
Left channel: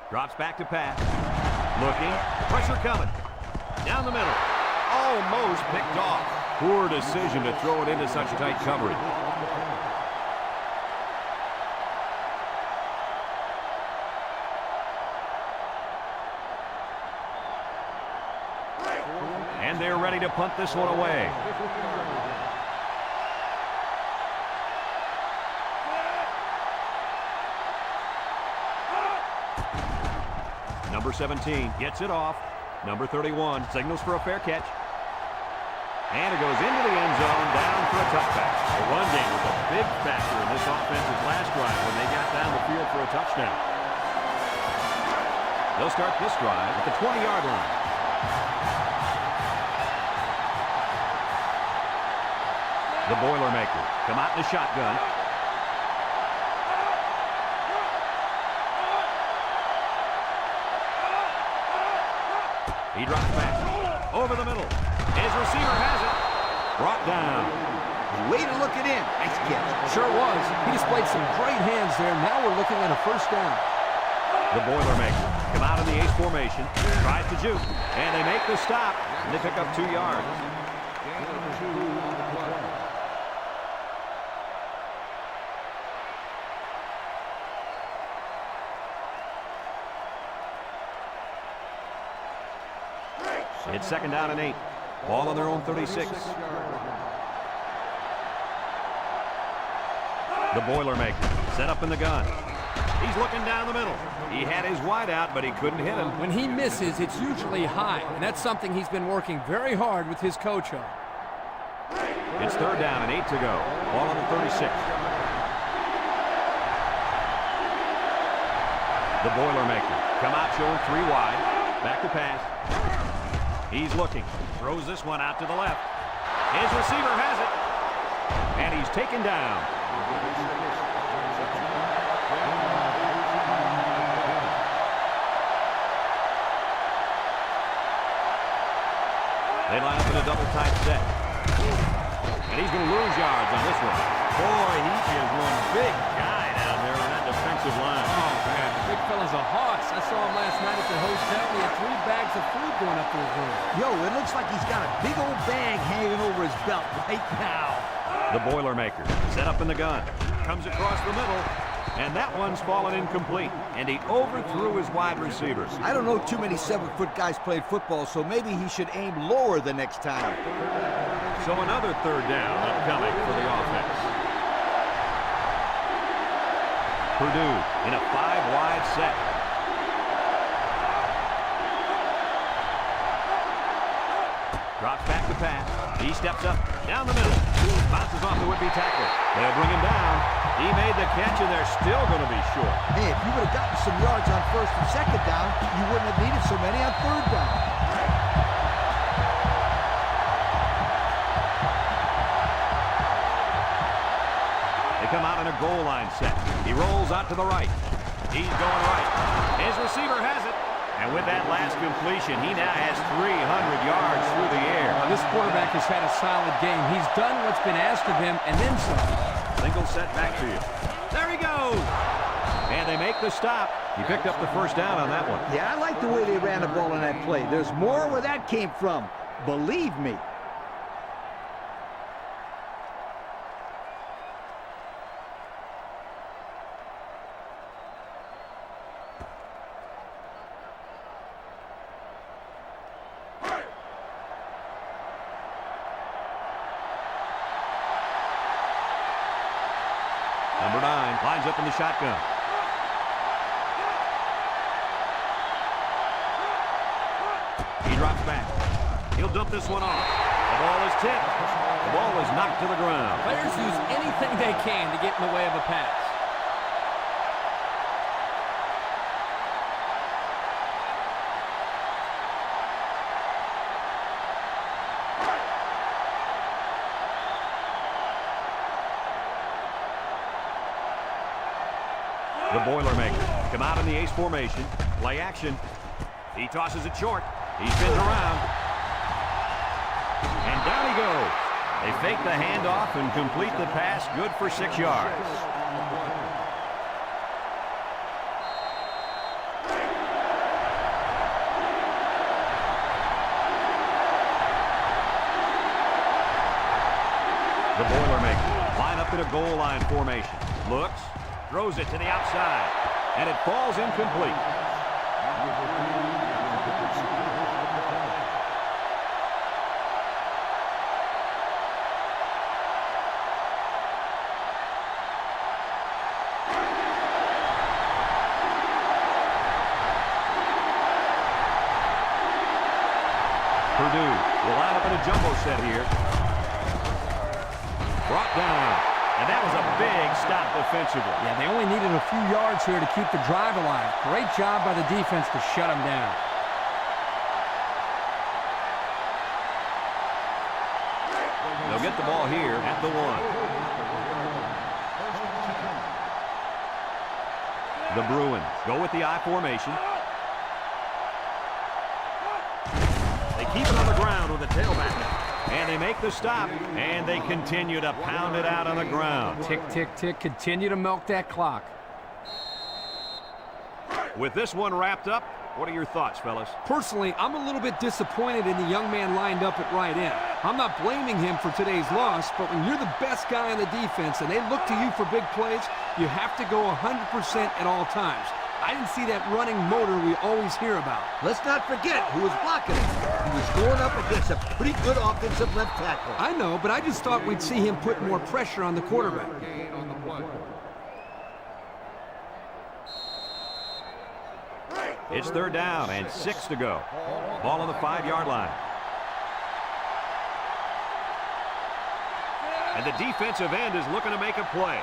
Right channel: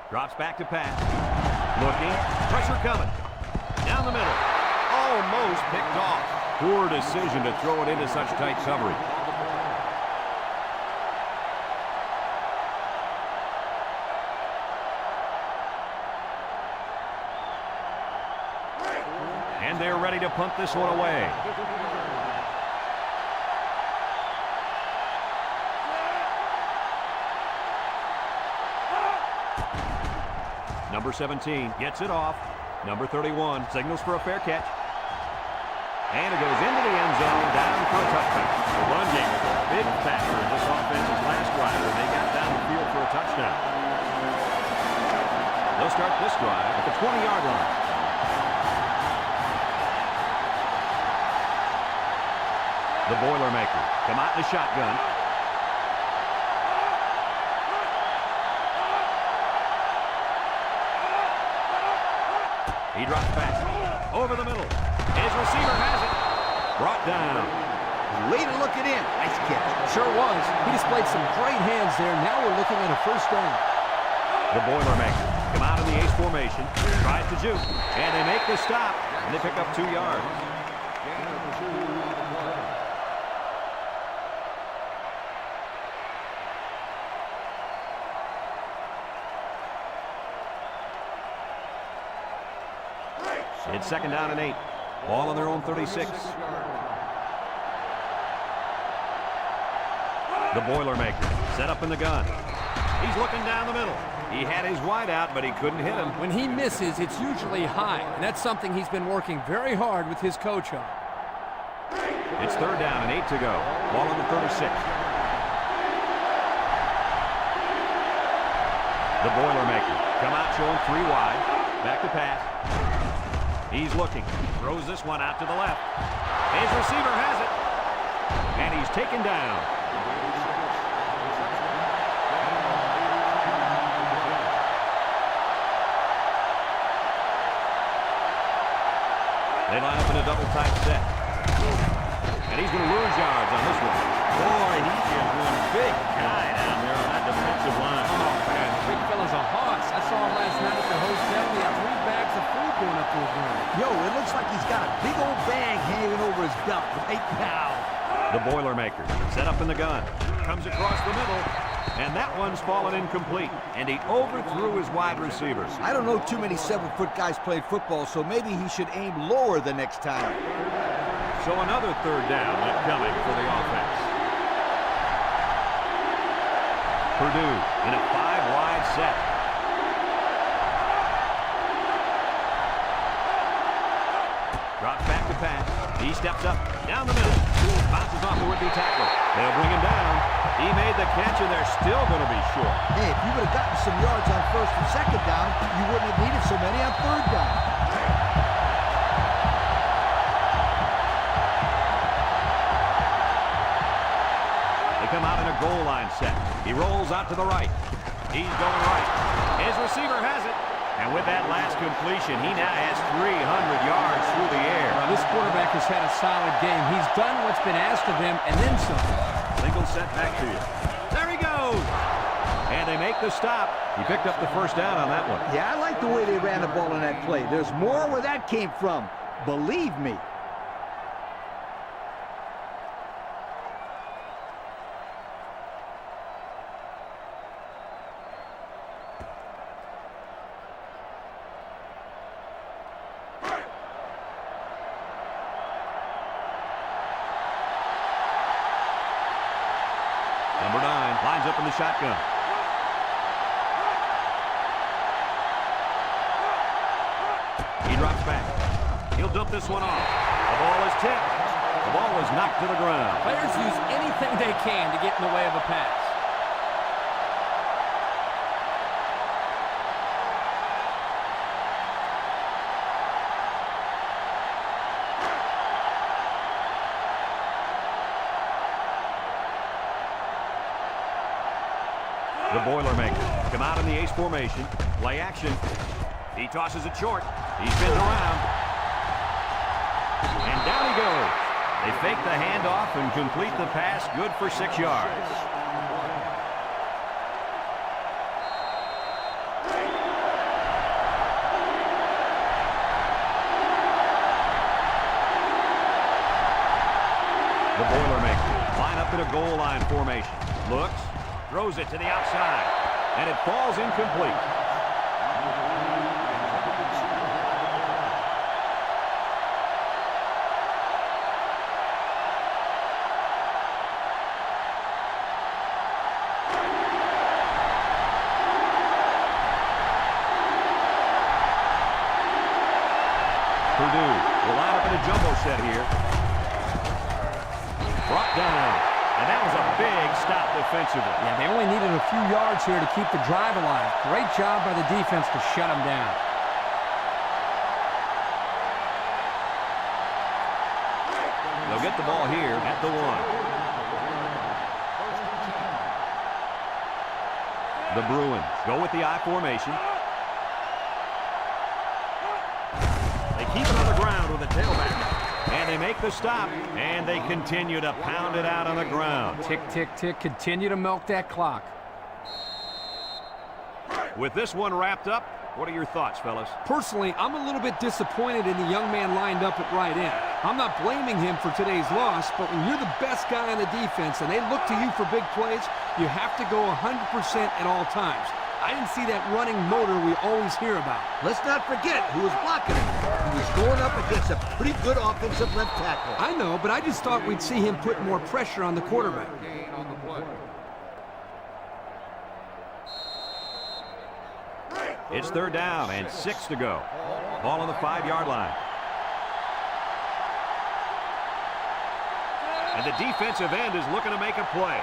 Drops back to pass. Looking. Pressure coming. Down the middle. almost picked off. Poor decision to throw it into such tight coverage. And they're ready to punt this one away. Number 17 gets it off. Number 31 signals for a fair catch. And it goes into the end zone, down for a touchback. The run game was a big factor in this offense's last drive when they got down the field for a touchdown. They'll start this drive at the 20-yard line. The Boilermaker come out in the shotgun. He drops back over the middle. His receiver has it. Brought down. Way to look it in. Nice catch. Sure was. He displayed some great hands there. Now we're looking at a first down. The Boilermaker come out in the ace formation. Tries to juke. And they make the stop. And they pick up 2 yards. Gain of 2 on the play. It's second down and 8. Ball on their own 36. The Boilermaker set up in the gun. He's looking down the middle. He had his wide out, but he couldn't hit him. When he misses, it's usually high, and that's something he's been working very hard with his coach on. It's third down and 8 to go. Ball on the 36. The Boilermaker come out showing 3 wide. Back to pass. He's looking. Throws this one out to the left. His receiver has it. And he's taken down. They line up in a double tight set. And he's going to lose yards on this one. Boy, he is one big guy down there on that defensive line. Oh, man, the big fella's a hoss. I saw him last night at the hotel. He had 3 bags of food going up to his room. Yo, it looks like he's got a big old bag hanging over his belt right now. The Boilermaker set up in the gun. Comes across the middle. And that one's fallen incomplete. And he overthrew his wide receivers. I don't know too many 7-foot guys playing football, so maybe he should aim lower the next time. So another third down upcoming for the offense. Purdue in a 5-wide set. Drops back to pass. He steps up down the middle. Bounces off the would-be tackler. They'll bring him down. He made the catch, and they're still going to be short. Hey, if you would have gotten some yards on first and second down, you wouldn't have needed so many on third down. They come out in a goal line set. He rolls out to the right. He's going right. His receiver has it. And with that last completion, he now has 300 yards through the air. This quarterback has had a solid game. He's done what's been asked of him, and then some. Single set back to you. There he goes. And they make the stop. He picked up the first down on that one. Yeah, I like the way they ran the ball in that play. There's more where that came from. Believe me. Number 9 lines up in the shotgun. He drops back. He'll dump this one off. The ball is tipped. The ball is knocked to the ground. Players use anything they can to get in the way of a pass. The Boilermaker come out in the ace formation. Play action. He tosses it short. He spins around. And down he goes. They fake the handoff and complete the pass. Good for 6 yards. The Boilermakers line up in a goal line formation. Looks, throws it to the outside, and it falls incomplete. Number 3, the intended receiver on the play. Purdue will line up in a jumbo set here. Brought down. And that was a big stop defensively. Yeah, they only needed a few yards here to keep the drive alive. Great job by the defense to shut them down. They'll get the ball here at the 1. First and 10. The Bruins go with the I formation. They keep it on the ground with a tailback. And they make the stop, and they continue to pound it out on the ground. Tick, tick, tick. Continue to milk that clock. With this one wrapped up, what are your thoughts, fellas? Personally, I'm a little bit disappointed in the young man lined up at right end. I'm not blaming him for today's loss, but when you're the best guy on the defense and they look to you for big plays, you have to go 100% at all times. I didn't see that running motor we always hear about. Let's not forget who was blocking him. He was going up against a pretty good offensive left tackle. I know, but I just thought we'd see him put more pressure on the quarterback. Gain on the play. It's 3rd down and 6 to go. Ball on the 5-yard line. And the defensive end is looking to make a play.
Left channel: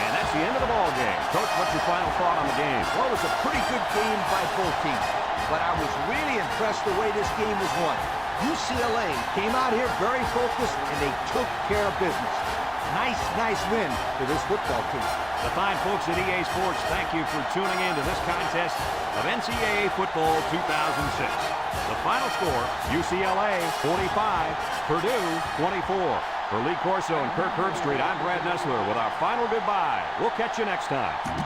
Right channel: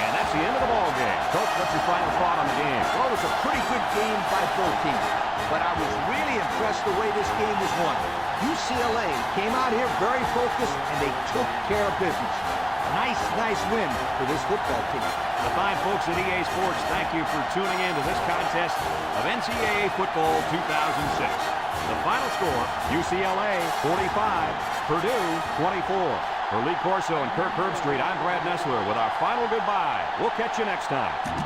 And that's the end of the ball game. Coach, what's your final thought on the game? Well, it was a pretty good game by both teams, but I was really impressed the way this game was won. UCLA came out here very focused, and they took care of business. Nice win for this football team. The fine folks at EA Sports, thank you for tuning in to this contest of NCAA Football 2006. The final score, UCLA 45, Purdue 24. For Lee Corso and Kirk Herbstreit, I'm Brad Nessler with our final goodbye. We'll catch you next time.